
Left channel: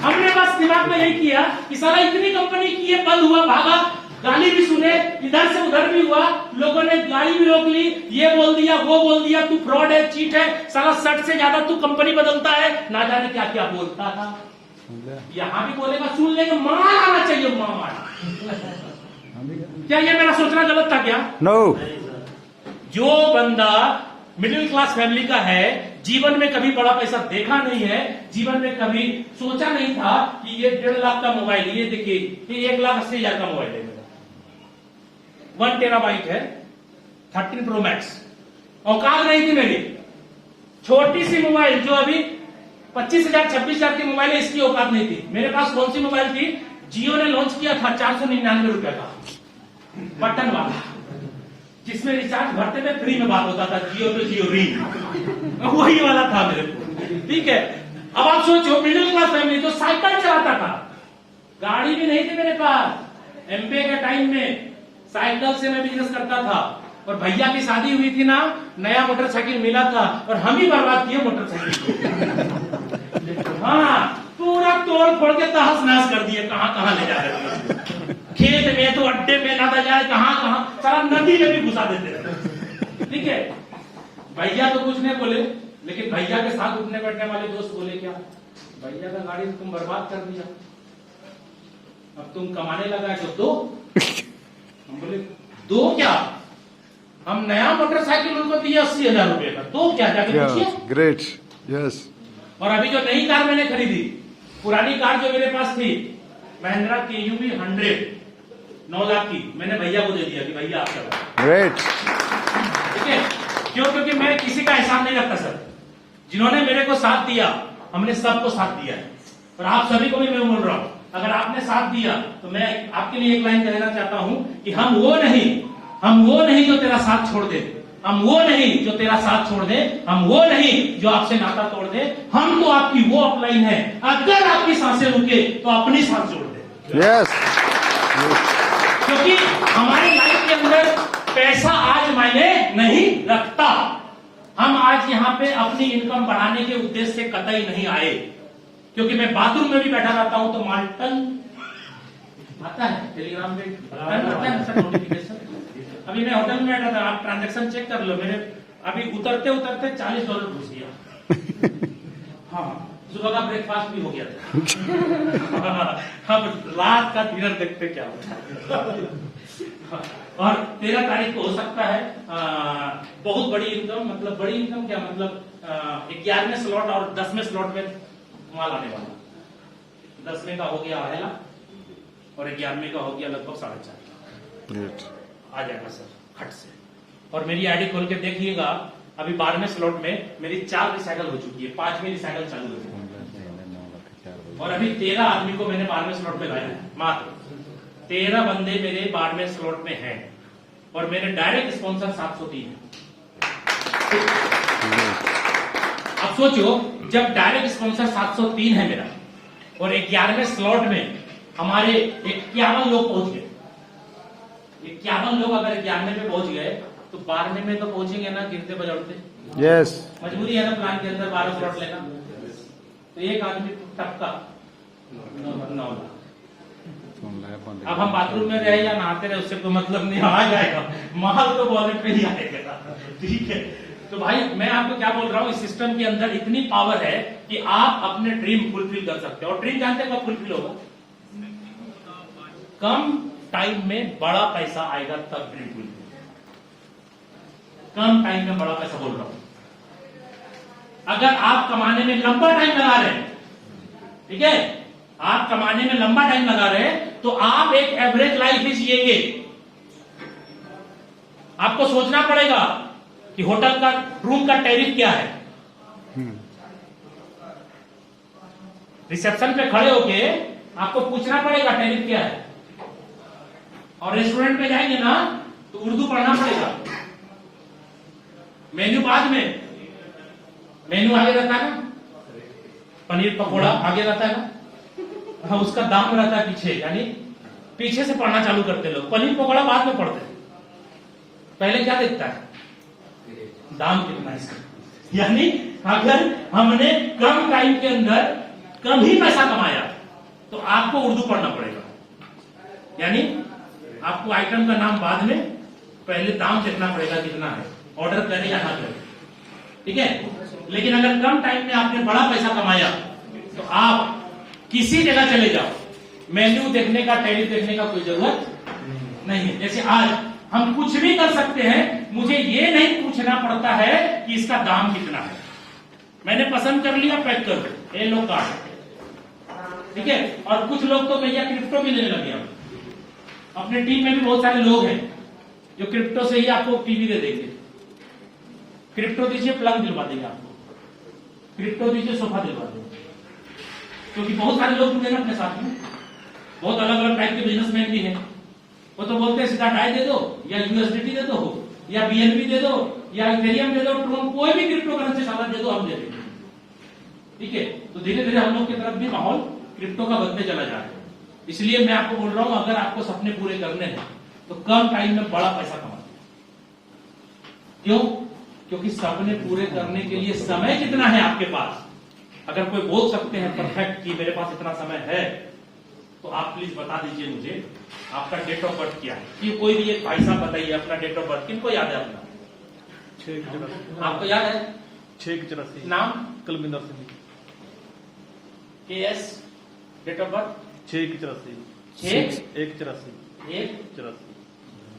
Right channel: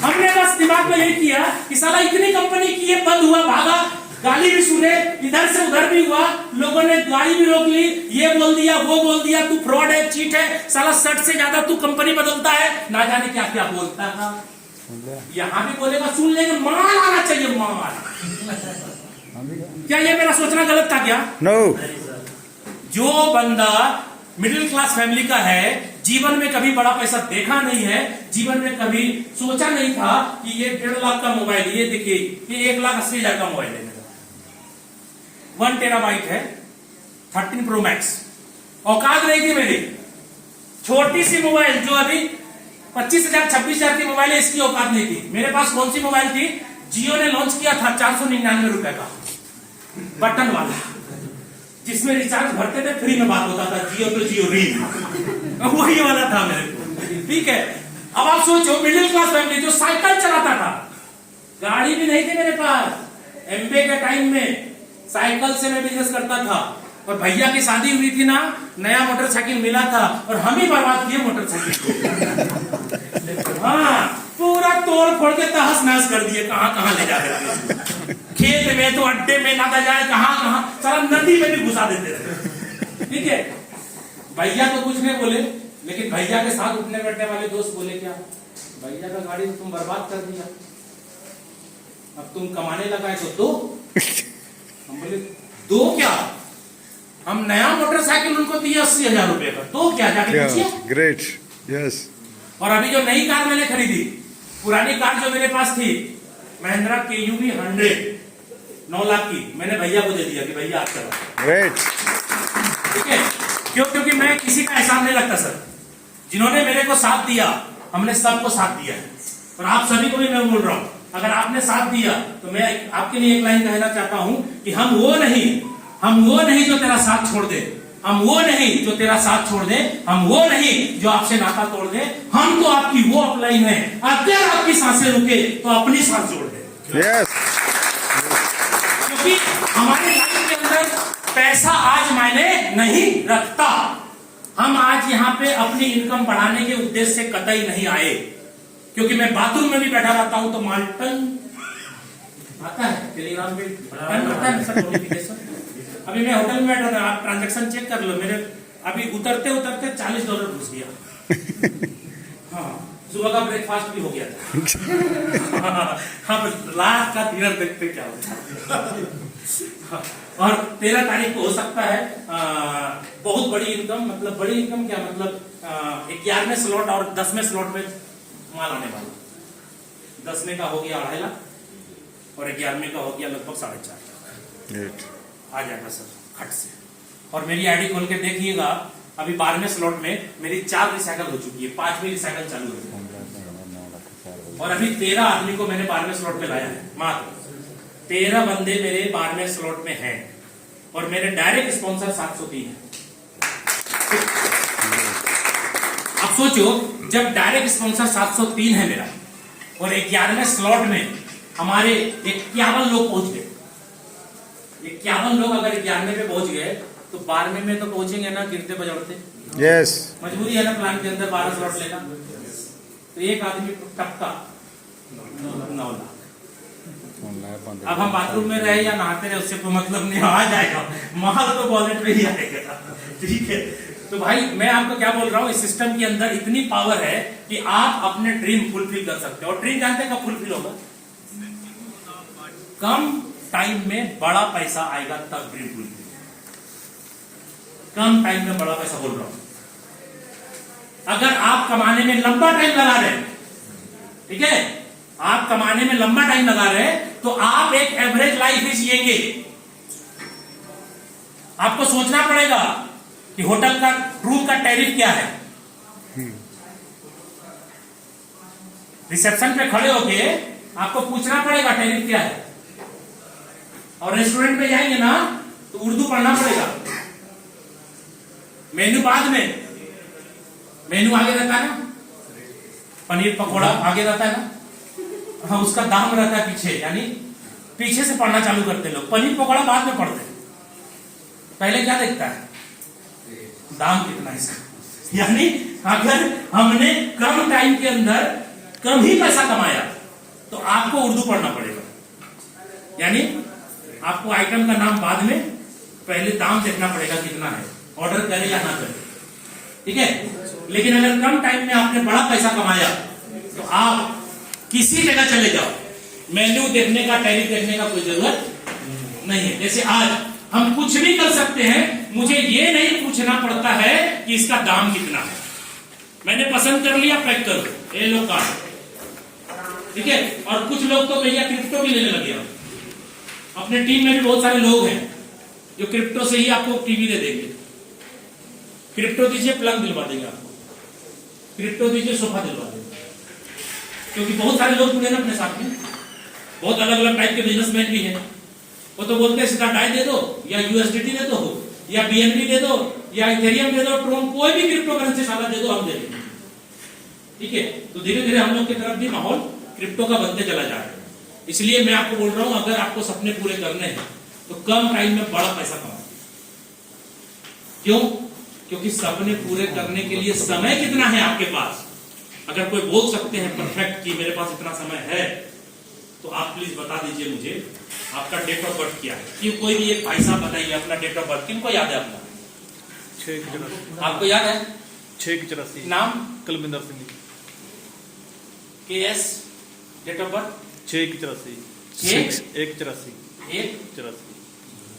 हमने बस दिमाग में यही किया कि साला इतनी कंपनी की ये बंद हुआ, भागा, गाली भी सुने, इधर से उधर भी हुआ, लोगों ने गाड़ी भी रोक ली, ये बोल दिया वो बोल दिया, तू फ्रॉड है, चीट है, साला 60 से ज्यादा तू कंपनी बदलता है, ना जाने क्या क्या बोलता था। यहां भी बोलेगा, सुन लेंगे, मार आना चाहिए, मार। क्या ये मेरा सोचना गलत था क्या? नो। जो बंदा मिडिल क्लास फैमिली का है, जीवन में कभी बड़ा पैसा देखा नहीं है, जीवन में कभी सोचा नहीं था कि ये 1.5 लाख का मोबाइल, ये देखिए ये 1,80,000 का मोबाइल है मेरा, 1 टेराबाइट है, 13 प्रो मैक्स। औकात नहीं थी मेरी, छोटी सी मोबाइल जो अभी 25,000 26,000 की मोबाइल है, इसकी औकात नहीं थी। मेरे पास कौन सी मोबाइल थी, जियो ने लॉन्च किया था 499 रुपए का बटन वाला, जिसमें रिचार्ज भरते थे फ्री में बात होता था, जियो तो जियो रील, वही वाला था मेरे को। ठीक है, अब आप सोचो मिडिल क्लास फैमिली जो साइकिल चलाता था, गाड़ी भी नहीं थी मेरे पास। एमबीए के टाइम में साइकिल से मैं बिजनेस करता था, और भैया की शादी हुई थी ना, नया मोटरसाइकिल मिला था और हम ही बर्बाद किए मोटरसाइकिल। हाँ, पूरा तोड़ फोड़ के तहस नहस कर दिए, कहां कहां ले जाकर, खेत में तो अड्डे में लादा जाए, कहां कहां, सारा नदी में भी घुसा देते थे। ठीक है, भैया तो कुछ नहीं बोले, लेकिन भैया के साथ उठने बैठने वाले दोस्त बोले क्या, भैया का गाड़ी तो तुम बर्बाद कर दिया, अब तुम कमाने लगा है तो दो। हम बोले दो क्या, हम नया मोटरसाइकिल उनको दिया 80,000 रुपए का, तो क्या जाके पूछिए। Great, yes. और अभी जो नई कार मैंने खरीदी, पुरानी कार जो मेरे पास थी महिंद्रा KUV 100 9 लाख की, मैंने भैया को दे दिया कि भैया आप चलाओ। ग्रेट। ठीक है, क्यों, क्योंकि मैं किसी का एहसान नहीं लगता सर, जिन्होंने मेरे को साथ दिया, हमने सबको साथ दिया है। और आप सभी को भी मैं बोल रहा हूं, अगर आपने साथ दिया तो मैं आपके लिए एक लाइन कहना चाहता हूं कि हम वो नहीं जो तेरा साथ छोड़ दे, हम वो नहीं जो तेरा साथ छोड़ दे, हम वो नहीं जो आपसे नाता तोड़ दे, हम तो आपकी वो अपलाइन है, अगर आपकी सांसें रुके तो अपनी सांस जोड़ दे। यस। क्योंकि हमारे लाइफ के अंदर पैसा आज मायने नहीं रखता। हम आज यहाँ पे अपनी इनकम बढ़ाने के उद्देश्य से कतई नहीं आए, क्योंकि मैं बाथरूम में भी बैठा रहता हूं तो माल्टन आता है टेलीग्राम पे, आता है सर नोटिफिकेशन। अभी मैं होटल में बैठा था, आप ट्रांजैक्शन चेक कर लो, मेरे अभी उतरते उतरते $40 घुस गया। हाँ, सुबह का ब्रेकफास्ट भी हो गया था। हम रात का डिनर देखते क्या होता है। और 13 तारीख को हो सकता है बहुत बड़ी इनकम, मतलब बड़ी इनकम क्या मतलब 11वें स्लॉट और 10वें स्लॉट में माल आने वाला। 10वें का हो गया 2.5 लाख और 11वें का हो गया लगभग 4.5 लाख। आ जाएगा सर खट से। और मेरी आईडी खोल के देखिएगा, अभी 12वें स्लॉट में मेरी 4 रिसाइकल हो चुकी है, 5वीं रिसाइकल चालू हो चुकी है। और अभी 13 आदमी को मैंने 12वें स्लॉट में लाया है, मात्र 13 बंदे मेरे 12वें स्लॉट में हैं, और मेरे डायरेक्ट स्पॉन्सर 703 है। अब सोचो, जब डायरेक्ट स्पॉन्सर 703 है मेरा, और 11वें स्लॉट में हमारे 51 लोग पहुंच गए, 51 लोग अगर 11वें पे पहुंच गए तो 12वें में तो पहुंचेंगे ना गिरते बजौड़ते। यस। मजबूरी है ना प्लान के अंदर 12 स्लॉट लेना, तो एक आदमी टपका 9 लाख। अब हम बाथरूम में रहे या नहाते रहे उससे कोई मतलब नहीं, आ जाएगा माल तो वॉलेट में ही आएगा। ठीक है, तो भाई मैं आपको क्या बोल रहा हूँ, इस सिस्टम के अंदर इतनी पावर है कि आप अपने ड्रीम फुलफिल कर सकते हो। और ड्रीम जानते हैं कब फुलफिल होगा, कम टाइम में बड़ा पैसा आएगा तब ड्रीम फुलफिल। कम टाइम में बड़ा पैसा बोल रहा हूं, अगर आप कमाने में लंबा टाइम लगा रहे हैं, ठीक है, आप कमाने में लंबा टाइम लगा रहे हैं, तो आप एक एवरेज लाइफ ही जिएंगे। आपको सोचना पड़ेगा कि होटल का रूम का टैरिफ क्या है। रिसेप्शन पे खड़े होके आपको पूछना पड़ेगा टैरिफ क्या है। और रेस्टोरेंट में जाएंगे ना तो उर्दू पढ़ना पड़ेगा। मेन्यू बाद में, मेन्यू आगे रहता है ना, पनीर पकौड़ा आगे रहता है ना, हाँ, उसका दाम रहता है पीछे, यानी पीछे से पढ़ना चालू करते लोग, पनीर पकौड़ा बाद में पढ़ते हैं। पहले क्या देखता है, दाम कितना है इसका। यानी अगर हमने कम टाइम के अंदर कम ही पैसा कमाया तो आपको उर्दू पढ़ना पड़ेगा। यानी आपको आइटम का नाम बाद में, पहले दाम देखना पड़ेगा कितना है, ऑर्डर करें या ना करें। ठीक है, लेकिन अगर कम टाइम में आपने बड़ा पैसा कमाया तो आप किसी जगह चले जाओ, मेन्यू देखने का, टैरिफ देखने का कोई जरूरत नहीं है। जैसे आज हम कुछ भी कर सकते हैं, मुझे ये नहीं पूछना पड़ता है कि इसका दाम कितना है, मैंने पसंद कर लिया, पैक कर दो, ये लो कार्ड। ठीक है, और कुछ लोग तो भैया क्रिप्टो भी लेने लगे। अपने टीम में भी बहुत सारे लोग हैं जो क्रिप्टो से ही आपको टीवी दे देंगे। क्रिप्टो दीजिए, प्लग दिलवा देंगे आपको। क्रिप्टो दीजिए, सोफा दिलवा देंगे। क्योंकि बहुत सारे लोग जुड़े ना अपने साथ में, बहुत अलग अलग टाइप के बिजनेसमैन भी हैं। वो तो बोलते हैं सीधा डाई दे दो, या यूएसडीटी दे दो, या बीएनबी दे दो, या इथेरियम दे दो, ट्रोन, कोई भी क्रिप्टो करेंसी साला दे दो, हम दे देंगे। ठीक है, तो धीरे धीरे हम लोग की तरफ भी माहौल क्रिप्टो का बनते चला जा रहा है। इसलिए मैं आपको बोल रहा हूं, अगर आपको सपने पूरे करने हैं तो कम टाइम में बड़ा पैसा कमाओ। क्यों? क्योंकि सपने पूरे करने के लिए समय कितना है आपके पास? अगर कोई बोल सकते हैं परफेक्ट कि मेरे पास इतना समय है, तो आप प्लीज बता दीजिए मुझे आपका डेट ऑफ बर्थ क्या है। कि कोई भी एक भाई साहब बताइए अपना डेट ऑफ बर्थ। किनको याद है अपना? 6 आपको याद है? 6 नाम? Kulwinder Singh. KS date of birth 6 6 1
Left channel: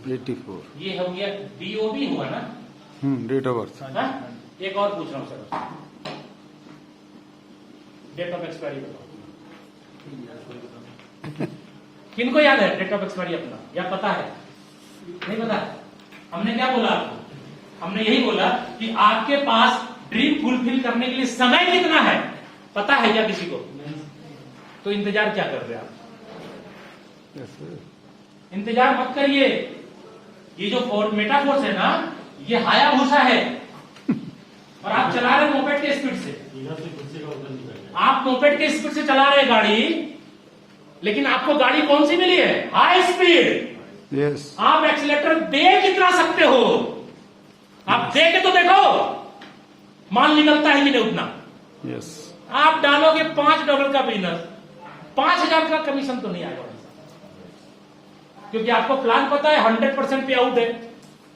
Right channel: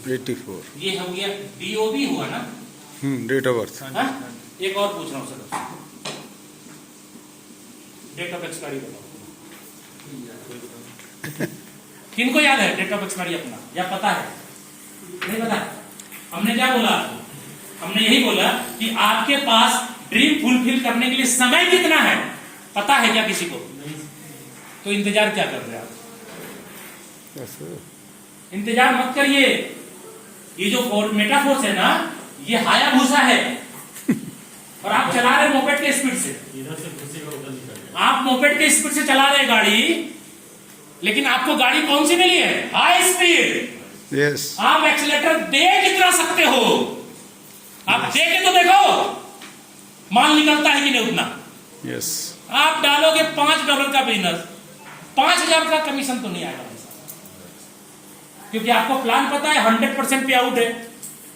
84 ये हो गया। DOB हुआ ना? Date of birth. हाँ? एक और पूछ रहा हूं सर, डेट ऑफ एक्सपायरी बताओ। किनको याद है डेट ऑफ एक्सपायरी अपना, या पता है? नहीं पता? हमने क्या बोला आपको? हमने यही बोला कि आपके पास ड्रीम फुलफिल करने के लिए समय कितना है पता है क्या किसी को? तो इंतजार क्या कर रहे हैं आप? इंतजार मत करिए। ये जो मेटाफोर्स है ना, ये हायाबुसा है, और आप चला रहे मोपेड के स्पीड से। इधर से कुर्सी का ऊपर निकल आप मोपेड के स्पीड से चला रहे गाड़ी, लेकिन आपको गाड़ी कौन सी मिली है? High speed. यस। आप एक्सीलेटर दे कितना सकते हो? आप दे के तो देखो, माल निकलता है कि नहीं उतना। यस। आप डालोगे $5 का बिजनेस, 5,000 का कमीशन तो नहीं आएगा, क्योंकि आपको प्लान पता है 100% पे आउट है।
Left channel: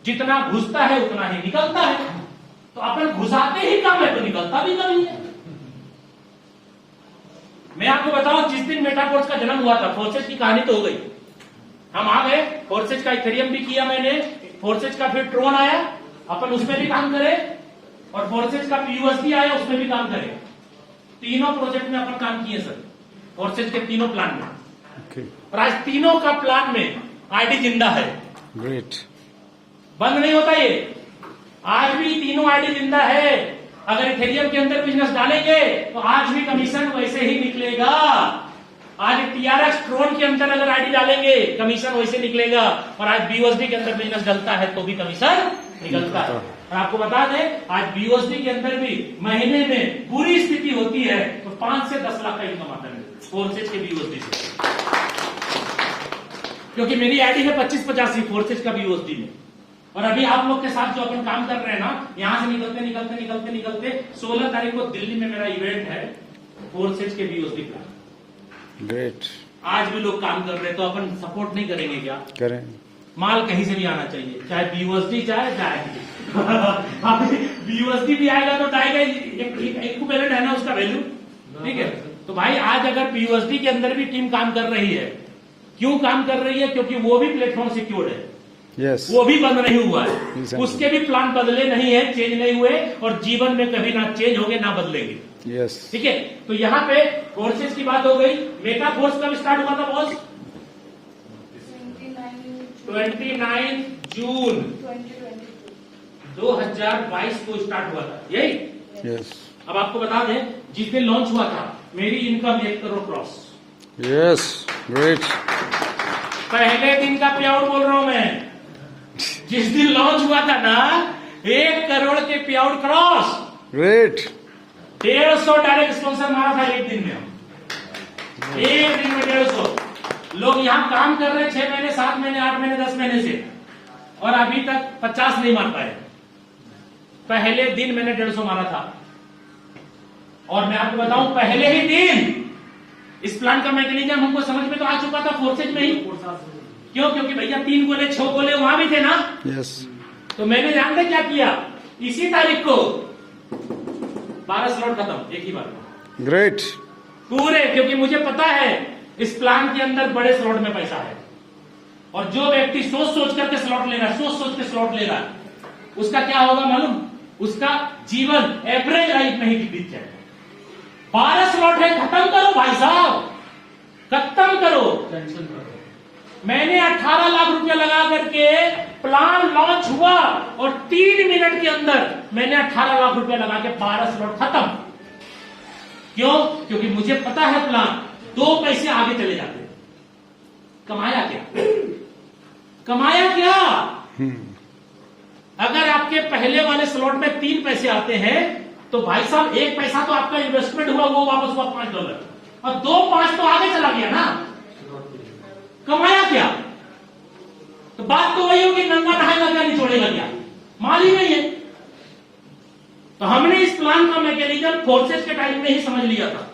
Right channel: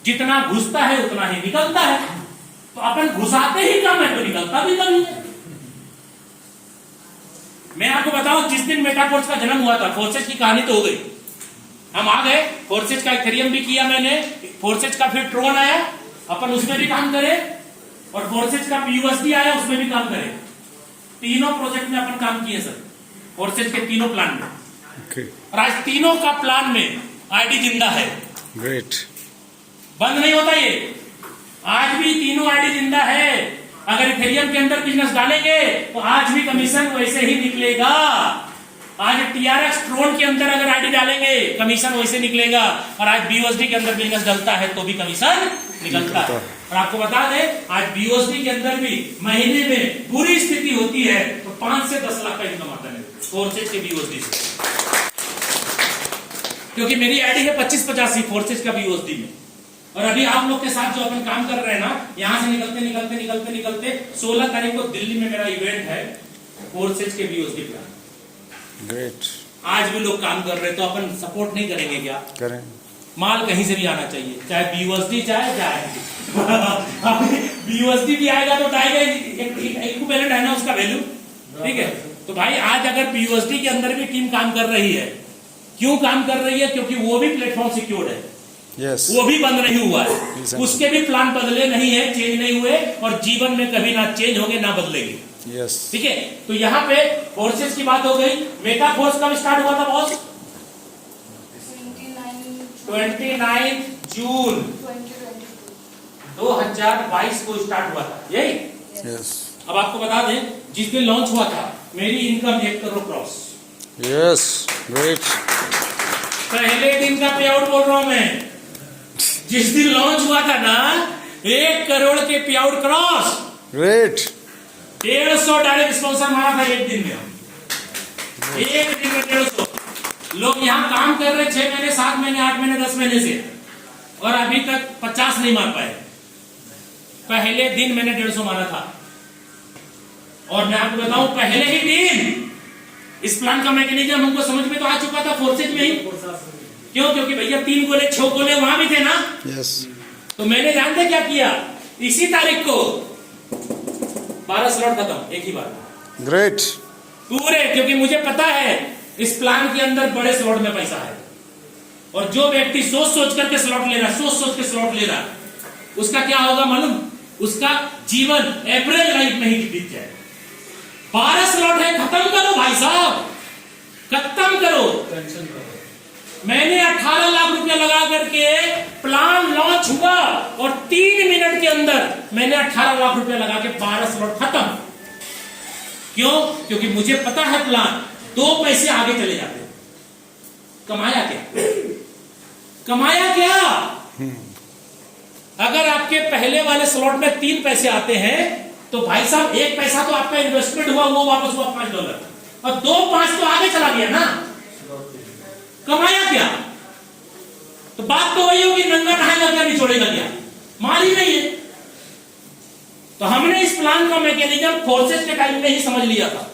जितना घुसता है उतना ही निकलता है। तो अपन घुसाते ही कम है तो निकलता भी कम है। मैं आपको बताऊं, जिस दिन मेटाफोर्स का जन्म हुआ था, फोर्सेज की कहानी तो हो गई, हम आ गए। फोर्सेज का इथेरियम भी किया मैंने, फोर्सेज का फिर ट्रोन आया, अपन उसमें भी काम करें, और फोर्सेज का PUSD आया, उसमें भी काम करें। तीनों प्रोजेक्ट में अपन काम किए सर, फोर्सेज के तीनों प्लान में। ओके। और आज तीनों का प्लान में आईडी जिंदा है, ग्रेट। बंद नहीं होता ये। आज भी तीनों आईडी जिंदा है। अगर इथेरियम के अंदर बिजनेस डालेंगे तो आज भी कमीशन वैसे ही निकलेगा। आज TRX ट्रोन के अंदर अगर आईडी डालेंगे कमीशन वैसे निकलेगा, और आज BUSD के अंदर बिजनेस डलता है तो भी कमीशन निकलता है। और आपको बता दें, आज BUSD के अंदर भी महीने में बुरी स्थिति होती है तो 5 से 10 लाख का इनकम आता है फोर्सेज के BUSD से। क्योंकि मेरी आईडी है 25-85 फोर्सेज का BUSD में। और अभी आप लोग के साथ जो अपन काम कर रहे हैं ना, यहां से निकलते निकलते निकलते निकलते 16 तारीख को दिल्ली में मेरा इवेंट है फोर्सेज के BUSD प्लान। ग्रेट। आज भी लोग काम कर रहे हैं, तो अपन सपोर्ट नहीं करेंगे क्या? करें। माल कहीं से भी आना चाहिए, चाहे BUSD चाहे BUSD भी आएगा तो आएगा, इक्विवेलेंट है ना उसका वैल्यू। ठीक है, तो भाई आज अगर BUSD के अंदर भी टीम काम कर रही है, क्यों काम कर रही है? क्योंकि वो भी प्लेटफॉर्म सिक्योर्ड है। यस। वो भी बंद नहीं हुआ है, Exactly. उसके भी प्लान बदले नहीं है, चेंज नहीं हुए, और जीवन में कभी ना चेंज होंगे ना बदलेंगे। यस। ठीक है, तो यहाँ पे फोर्सेज की बात हो गई। मेटा फोर्स कब स्टार्ट हुआ था बॉस? 29 जून 2022 को स्टार्ट हुआ था, यही। यस। अब आपको बता दें, जिस दिन लॉन्च हुआ था मेरी income 1 crore cross. Yes. Great. पहले दिन का पे आउट बोल रहा हूं मैं। जिस दिन लॉन्च हुआ था ना, 1 करोड़ के पे out cross. Great. 150 direct sponsor मारा था एक दिन में। एक दिन में 150 लोग यहाँ काम कर रहे 6 महीने 7 महीने 8 महीने 10 महीने से, और अभी तक 50 नहीं मार पाए। पहले दिन मैंने 150 मारा था। और मैं आपको बताऊं, पहले ही दिन इस प्लान का मैकेनिज्म हमको समझ में तो आ चुका था फोर्सेज में ही। क्यों? क्योंकि भैया 3 गोले 6 गोले वहां भी थे ना। यस। तो मैंने जानते क्या किया, इसी तारीख को 12 स्लॉट खत्म एक ही बार ग्रेट। पूरे, क्योंकि मुझे पता है इस प्लान के अंदर बड़े स्लॉट में पैसा है। और जो व्यक्ति सोच सोच करके स्लॉट ले रहा है, सोच सोच के स्लॉट ले रहा है, उसका क्या होगा मालूम? उसका जीवन एवरेज लाइफ में ही बीत जाए। 12 स्लॉट है, खत्म करो भाई साहब, खत्म करो। टेंशन करो। मैंने 18 लाख रुपया लगा करके प्लान लॉन्च हुआ और 3 मिनट के अंदर मैंने 18 लाख रुपया लगा के 12 स्लॉट खत्म। क्यों? क्योंकि मुझे पता है प्लान 2 पैसे आगे चले जाते हैं। कमाया क्या? कमाया क्या? अगर आपके पहले वाले स्लॉट में 3 पैसे आते हैं तो भाई साहब 1 पैसा तो आपका इन्वेस्टमेंट हुआ, वो वापस हुआ $5 और 2-5 तो आगे चला गया ना। कमाया क्या? तो बात तो वही होगी, नंगा नहाएगा क्या, निचोड़ेगा क्या? माल ही नहीं है। तो हमने इस प्लान का मैकेनिज्म फोर्सेस के टाइम में ही समझ लिया था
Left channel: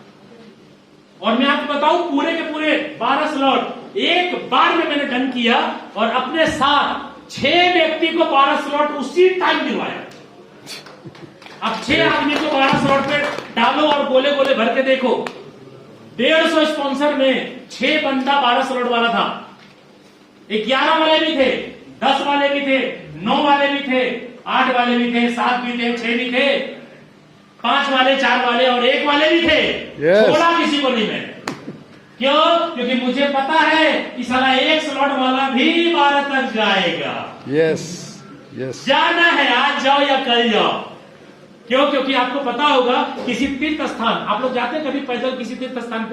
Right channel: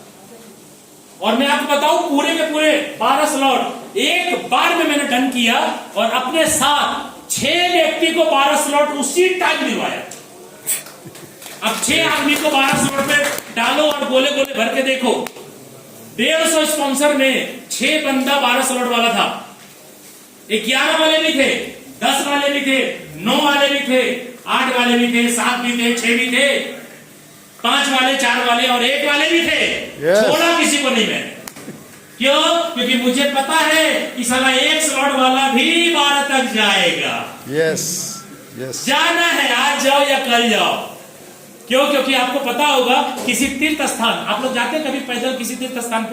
और मैं आपको बताऊं पूरे के पूरे 12 स्लॉट एक बार में मैंने डन किया और अपने साथ 6 व्यक्ति को 12 स्लॉट उसी टाइम दिलवाया। अब 6 आदमी को 12 स्लॉट पे डालो और गोले गोले भर के देखो। 150 स्पॉन्सर में 6 बंदा 12 स्लॉट वाला था। 11 वाले भी थे, 10 वाले भी थे, 9 वाले भी थे, 8 वाले भी थे, 7 भी थे, 6 भी थे, 5 वाले, 4 वाले और 1 वाले भी थे। छोड़ा किसी को नहीं मैं। क्यों? क्योंकि मुझे पता है कि साला 1 स्लॉट वाला भी 12 तक जाएगा। यस यस जाना है, आज जाओ या कल जाओ। क्यों? क्योंकि आपको पता होगा किसी तीर्थ स्थान, आप लोग जाते हैं कभी पैदल किसी तीर्थ स्थान पे?